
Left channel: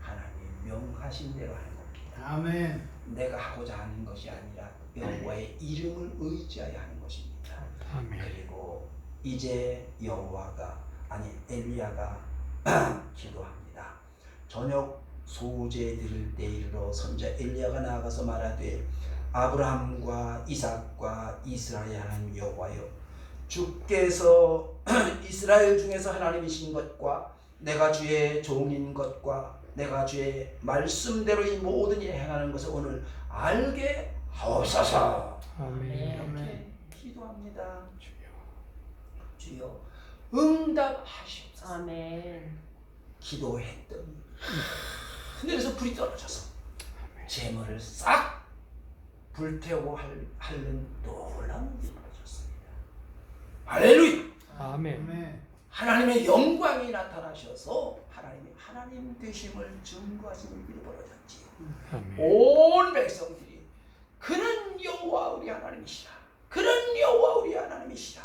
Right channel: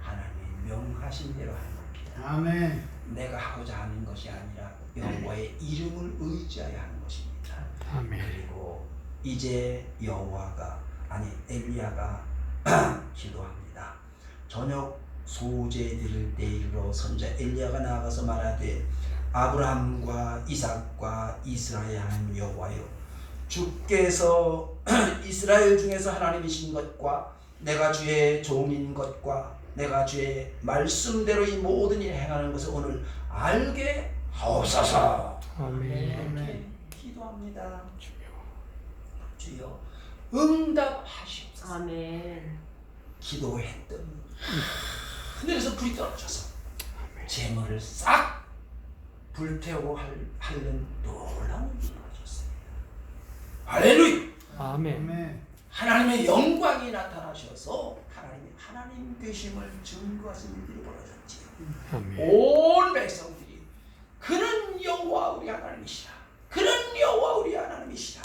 하나님이 명하신 대로 하는 겁니다. 아멘. 내가 하고자 하는 것이 아니라 여호와의 이름을 의지하여 하는 것입니다. 아멘. 그리고 이제 엘리야가 기도합니다. 저녁 소재 드릴 때 이르러 선지자 엘리야가 나아가서 말하되 아브라함과 이삭과 이스라엘 하나님 여호와여 주께서 이스라엘 중에서 하나님이신 것과 내가 주의 종인 것과 내가 주의 말씀대로 이 모든 일을 행하는 것을 오늘 알게 하옵소서. 아멘. 기도합니다. 주여. 주여 응답하시옵소서. 아멘. 기도했더니 하늘에서 불이 떨어져서 아멘. 재물을 싹 불태우고 하는 놀라운 일이 벌어졌습니다. 할렐루야. 아멘. 아멘. 하나님의 영광이 나타나셔서 하나님 되심을 증거하시는 일이 벌어졌지요. 아멘. 온 백성들이 그는 여호와 우리 하나님이시라. 그는 여호와 우리 하나님이시라.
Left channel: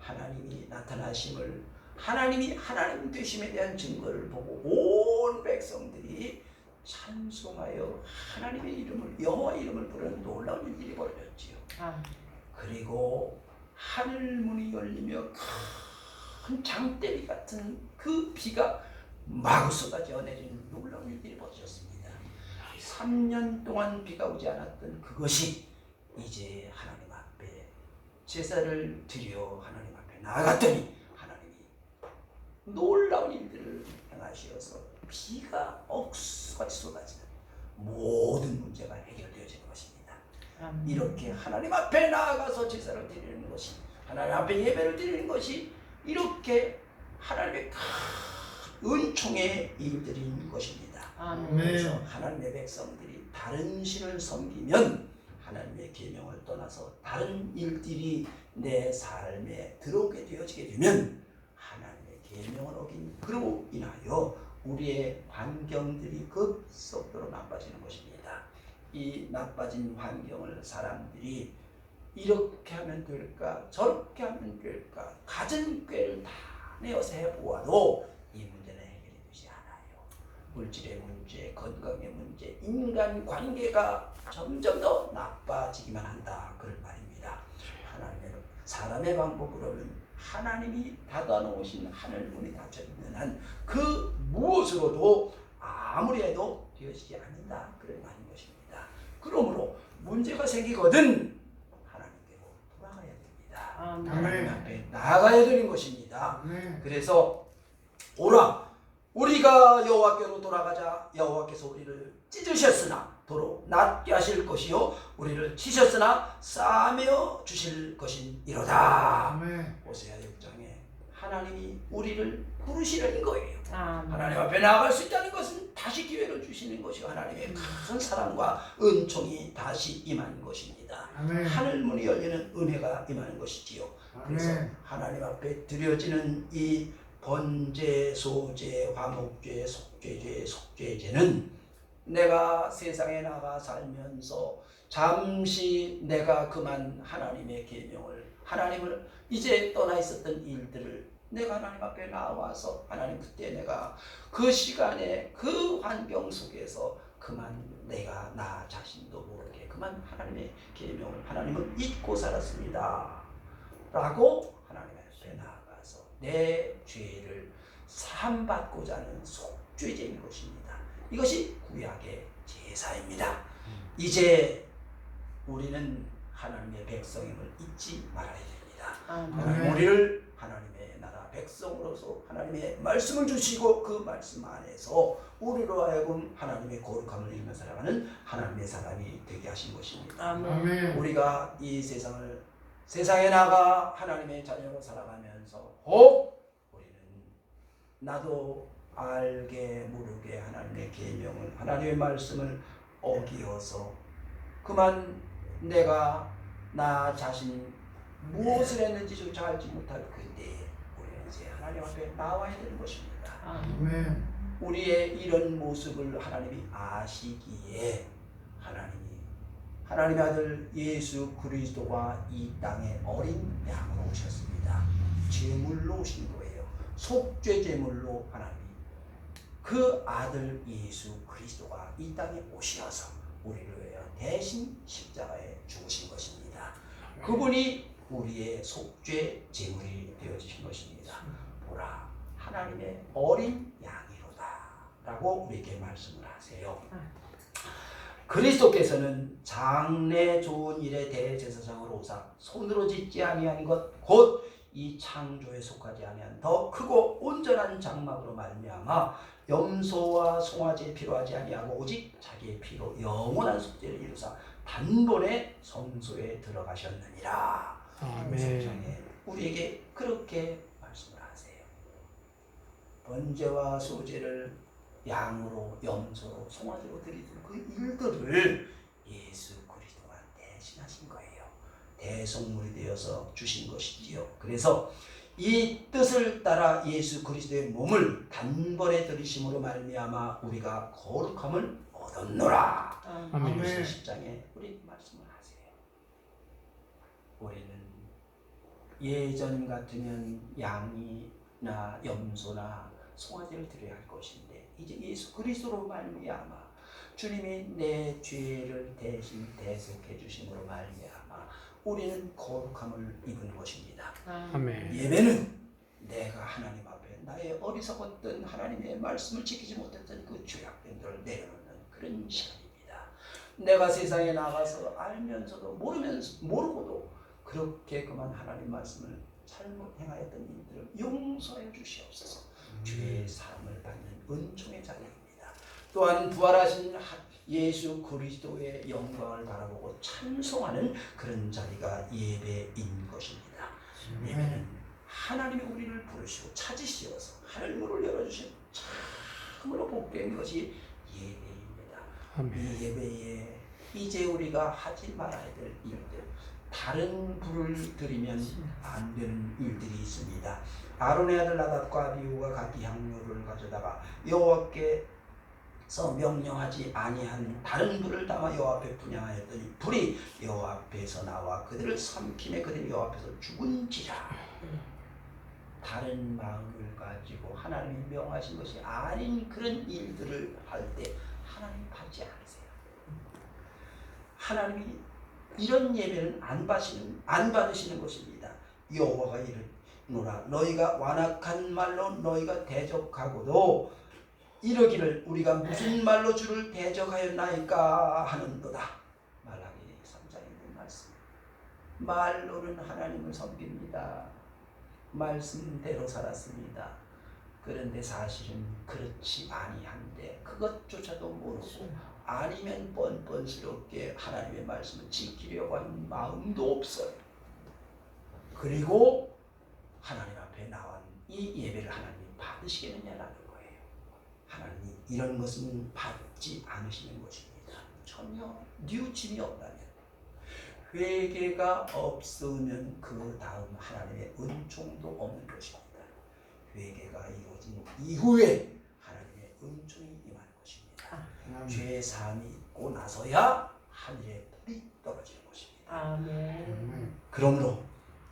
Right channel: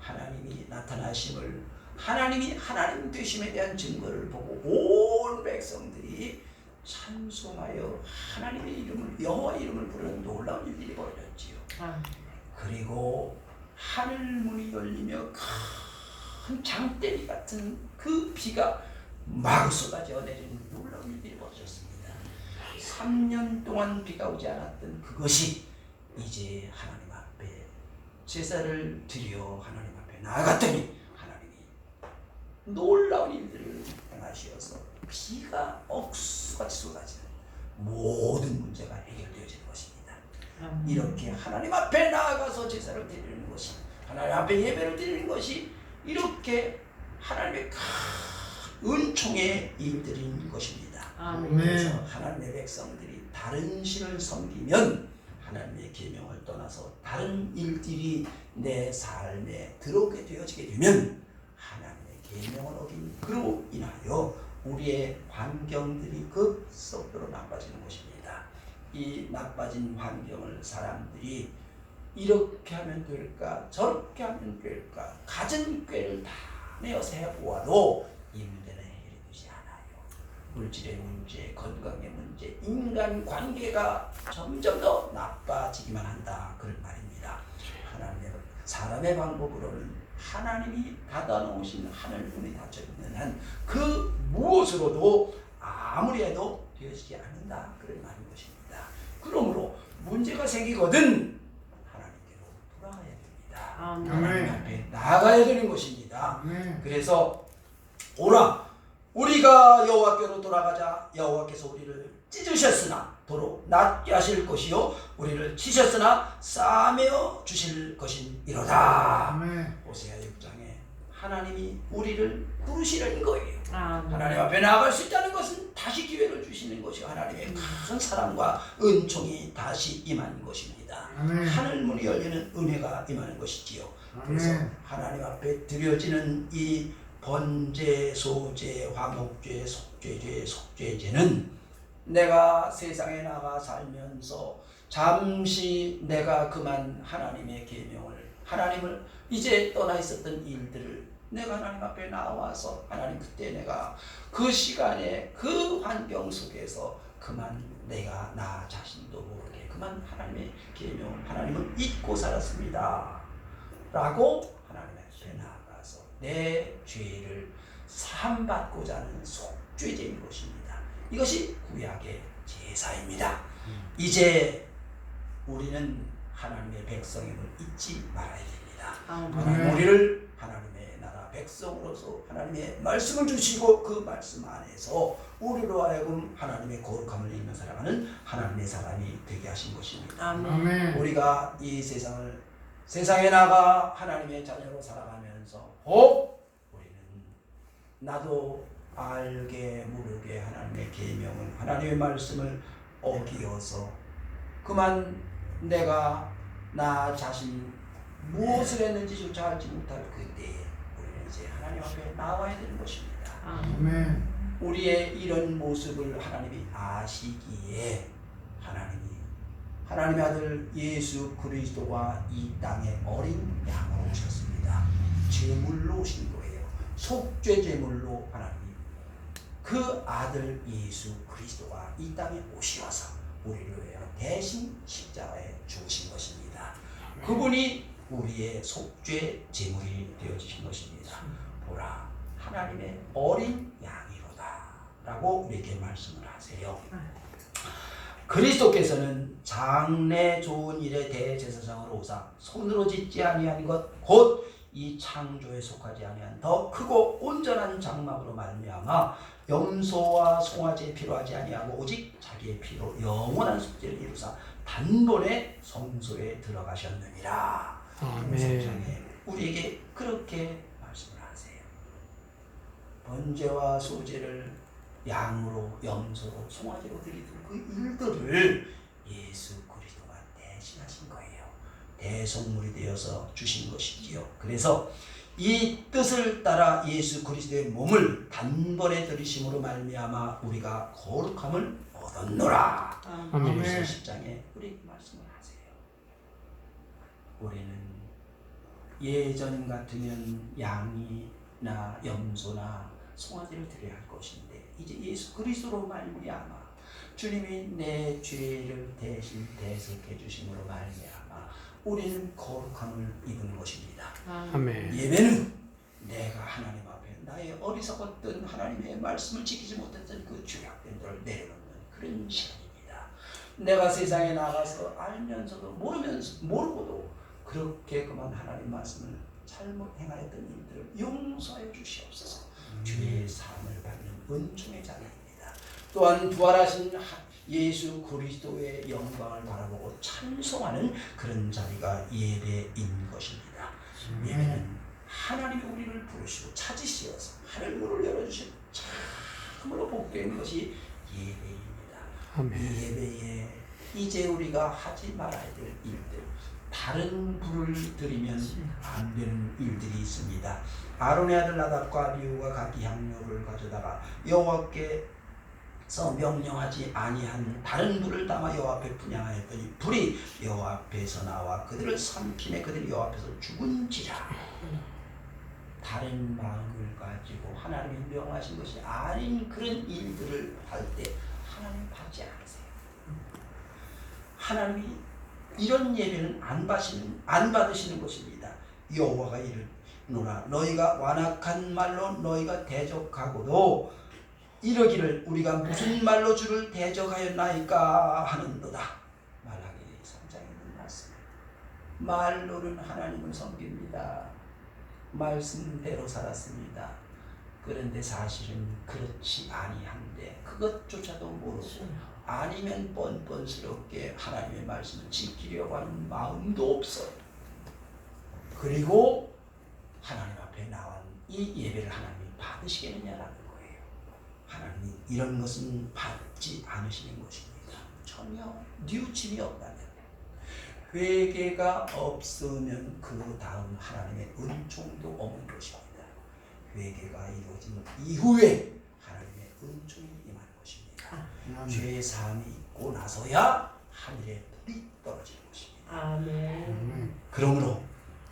하나님이 나타나심을 하나님이 하나님 되심에 대한 증거를 보고 온 백성들이 찬송하여 하나님의 이름을 여호와의 이름을 부르는 놀라운 일들이 벌어졌지요. 그리고 하늘 문이 열리며 큰 장대비 같은 그 비가 마구 쏟아져 내리는 놀라운 일들이 벌어졌습니다. 3년 동안 비가 오지 않았던 그것이 이제 하나님 앞에 제사를 드려 하나님 앞에 나아갔더니 하나님이 놀라운 일들을 행하시어서 비가 억수같이 쏟아지는 모든 문제가 해결되어지는 것입니다. 이렇게 하나님 앞에 나아가서 제사를 드리는 것이, 하나님 앞에 예배를 드리는 것이 이렇게 하나님의 큰 은총의 일들인 것입니다. 아멘. 그래서 하나님의 백성들이 다른 신을 섬기면 하나님의 계명을 떠나서 다른 일들이 내 삶에 들어오게 되어지게 되면 하나님의 계명을 어긴 그로 인하여 우리의 환경들이 급속도로 나빠지는 것입니다. 이 나빠진 환경을 사람들이 이렇게 하면 될까 저렇게 하면 될까 가진 꾀를 다 내어서 해보아도 이 문제는 해결이 되지 않아요. 물질의 문제, 건강의 문제, 인간관계가 점점 더 나빠지기만 한다. 그런 말입니다. 하나님의 사람의 방법으로는 하나님이 닫아놓으신 하늘문이 닫혀있는 한 그 무엇으로도 아무리 해도 되어지지 않는다. 그런 말인 것입니다. 그러므로 문제가 생기거든 하나님께로 돌아가야 됩니다. 하나님 앞에 나아가야 되는 것입니다. 그래서 오라 우리가 여호와께로 돌아가자. 여호와께서 우리를 찢으셨으나 도로 낫게 하실 것이요 우리를 치셨으나 싸매어 주실 것이니로다. 호세아 6장에 하나님이 우리를 부르시는 거예요. 하나님 앞에 나아갈 수 있다는 것은 다시 기회를 주시는 것이요 하나님의 큰 사랑과 은총이 다시 임한 것입니다. 하늘문이 열리는 은혜가 임하는 것이지요. 그래서 하나님 앞에 드려지는 이 번제, 소제, 화목제, 속죄제, 속죄제는 내가 세상에 나가 살면서 잠시 내가 그만 하나님의 계명을 하나님을 이제 떠나 있었던 일들을 내가 하나님 앞에 나와서 하나님 그때 내가 그 시간에 그 환경 속에서 그만 내가 나 자신도 모르게 그만 하나님의 계명을 하나님을 잊고 살았습니다 라고 하나님 앞에 나아가서 내 죄를 사함받고자 하는 속죄제인 것입니다. 이것이 구약의 제사입니다. 이제 우리는 하나님의 백성임을 잊지 말아야 됩니다. 하나님 우리를 하나님의 나라 백성으로서 하나님의 말씀을 주시고 그 말씀 안에서 우리로 하여금 하나님의 거룩함을 입는 살아가는 하나님의 사람이 되게 하신 것입니다. 우리가 이 세상에 나가 하나님의 자녀로 살아가면서 우리는 나도 알게 모르게 하나님의 계명을 하나님의 말씀을 어기어서 그만 내가 나 자신 무엇을 했는지조차 알지 못할 그때에 우리는 이제 하나님 앞에 나와야 되는 것입니다. 우리의 이런 모습을 하나님이 아시기에 하나님의 아들 예수 그리스도가 이 땅에 어린 양으로 오셨습니다. 제물로 오신 거예요. 속죄 제물로 하나님 그 아들 예수 그리스도가 이 땅에 오셔서 우리를 위하여 대신 십자가에 죽으신 것입니다. 그분이 우리의 속죄 제물이 되어주신 것입니다. 보라 하나님의 어린 양이로다 라고 우리에게 말씀을 하세요. 그리스도께서는 장래 좋은 일에 대제사장으로 오사 손으로 짓지 아니한 것 곧 이 창조에 속하지 아니한 더 크고 온전한 장막으로 말미암아 염소와 송아지의 피로 하지 아니하고 오직 자기의 피로 영원한 속죄를 이루사 단번에 성소에 들어가셨느니라. 아멘. 우리에게 그렇게 말씀을 하세요. 번제와 소제를 양으로 염소로 송아지로 드리던 그 일들을 예수 그리스도가 대신하신 거예요. 대속물이 되어서 주신 것이지요. 그래서 이 뜻을 따라 예수 그리스도의 몸을 단번에 들이심으로 말미암아 우리가 거룩함을 얻었노라. 아멘. 10장에 우리 말씀을 하세요. 우리는 예전 같으면 양이나 염소나 송아지를 드려야 할 것인데 이제 예수 그리스도로 말미암아 주님이 내 죄를 대신 대속해 주심으로 말미암아 우리는 거룩함을 입은 것입니다. 아멘. 예배는 내가 하나님 앞에 나의 어리석었던 하나님의 말씀을 지키지 못했던 그 죄악됨들을 내려놓는 그런 시간입니다. 내가 세상에 나가서 알면서도 모르고도 그렇게 그만 하나님 말씀을 잘못 행하였던 일들을 용서해 주시옵소서. 주의 사함을 받는 은총의 자리입니다. 또한 부활하신 예수 그리스도의 영광을 바라보고 찬송하는 그런 자리가 예배인 것입니다. 예배는 하나님이 우리를 부르시고 찾으시어서 하늘문을 열어주신 참으로 복된 것이 예배입니다. 아멘. 이 예배에 이제 우리가 하지 말아야 될 일들, 다른 불을 들이면 안 되는 일들이 있습니다. 아론의 아들 나답과 아비후가 각기 향료를 가져다가 여호와께서 명령하지 아니한 다른 불을 담아 여호와 앞에 분향하였더니 불이 여호와 앞에서 나와 그들을 삼키매 그들이 여호와 앞에서 죽은지라. 다른 마음을 가지고 하나님이 명하신 것이 아닌 그런 일들을 할 때 하나님 받지 않으세요. 하나님이 이런 예배는 안 받으시는 것입니다. 여호와가 이르노라 너희가 완악한 말로 너희가 대적하고도 이러기를 우리가 무슨 말로 주를 대적하였나이까 하는도다. 말라기 3장에 있는 말씀. 말로는 하나님을 섬깁니다. 말씀대로 살았습니다. 그런데 사실은 그렇지 아니한데 그것조차도 모르고 아니면 뻔뻔스럽게 하나님의 말씀을 지키려고 하는 마음도 없어요. 그리고 하나님 앞에 나온 이 예배를 하나님이 받으시겠느냐라는 거예요. 하나님이 이런 것은 받지 않으시는 것입니다. 전혀 뉘우침이 없다면, 회개가 없으면 그 다음 하나님의 은총도 없는 것입니다. 회개가 이루어진 이후에 하나님의 은총이 임하는 것입니다. 죄 사함이 있고 나서야 하늘에 불이 떨어지는 것입니다. 아멘. 그러므로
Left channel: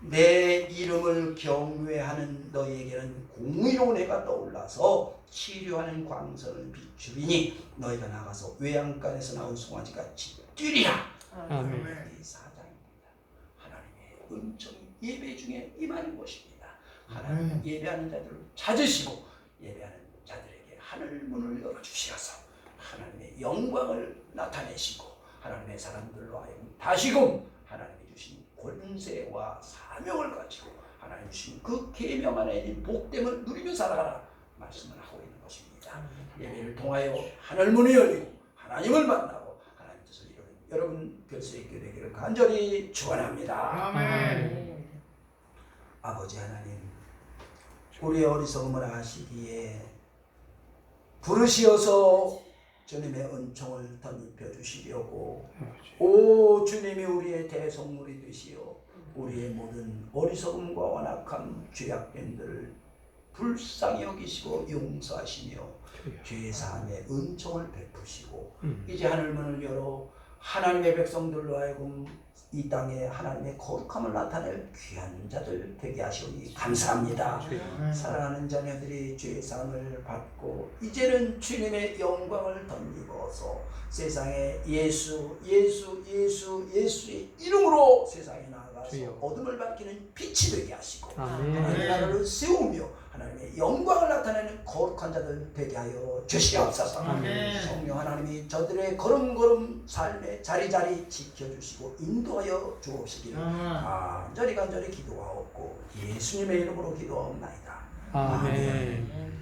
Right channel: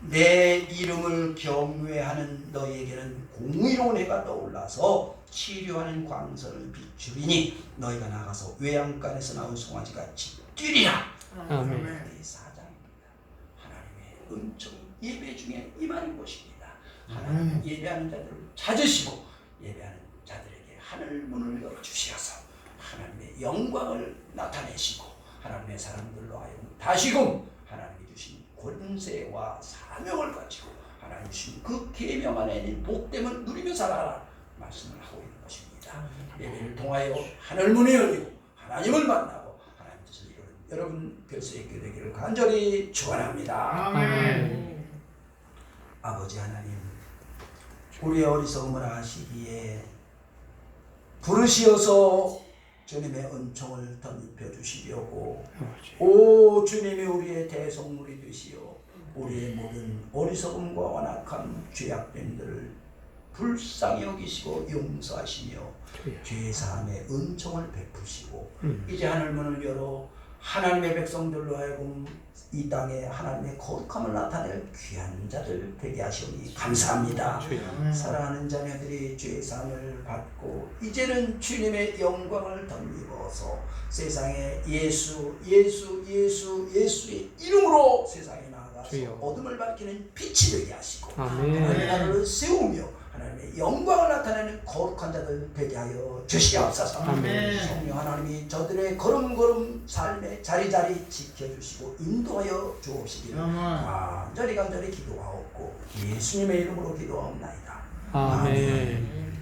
내 이름을 경외하는 너희에게는 공의로운 해가 떠올라서 치료하는 광선을 비추리니 너희가 나가서 외양간에서 나온 송아지같이 뛰리라. 아멘. 4장입니다. 하나님의 은총이 예배 중에 임하는 것입니다. 하나님 예배하는 자들을 찾으시고 예배하는 자들에게 하늘 문을 열어주시어서 하나님의 영광을 나타내시고 하나님의 사람들로 하여금 다시금 하나님이 주신 권세와 사명을 가지고 하나님 주신 그 계명 안에 있는 복됨을 누리며 살아가라 말씀을 하고 있는 것입니다. 예배를 통하여 하늘 문이 열리고 하나님을 만나고 하나님 뜻을 이루는 여러분 별세 있게 되기를 간절히 축원합니다. 아멘. 아버지 하나님, 우리의 어리석음을 아시기에 부르시어서 주님의 은총을 덧입혀 주시려고 오 주님이 우리의 대속물이 되시어 우리의 모든 어리석음과 완악함 죄악됨들을 불쌍히 여기시고 용서하시며 죄사함의 은총을 베푸시고 이제 하늘문을 열어 하나님의 백성들로 하여금 이 땅에 하나님의 거룩함을 나타낼 귀한 자들 되게 하시오니 감사합니다. 사랑하는 자녀들이 죄사함을 받고 이제는 주님의 영광을 덧입어서 세상에 예수의 이름으로 세상에 나아가서 어둠을 밝히는 빛이 되게 하시고 하나님의 나라를 세우며 하나님의 영광을 나타내는 거룩한 자들 되게 하여 주시옵소서. 성령 하나님이 저들의 걸음걸음 삶의 자리자리 지켜주시고 인도하여 주옵시기를 간절히 기도하옵고 예수님의 이름으로 기도하옵나이다. 아멘.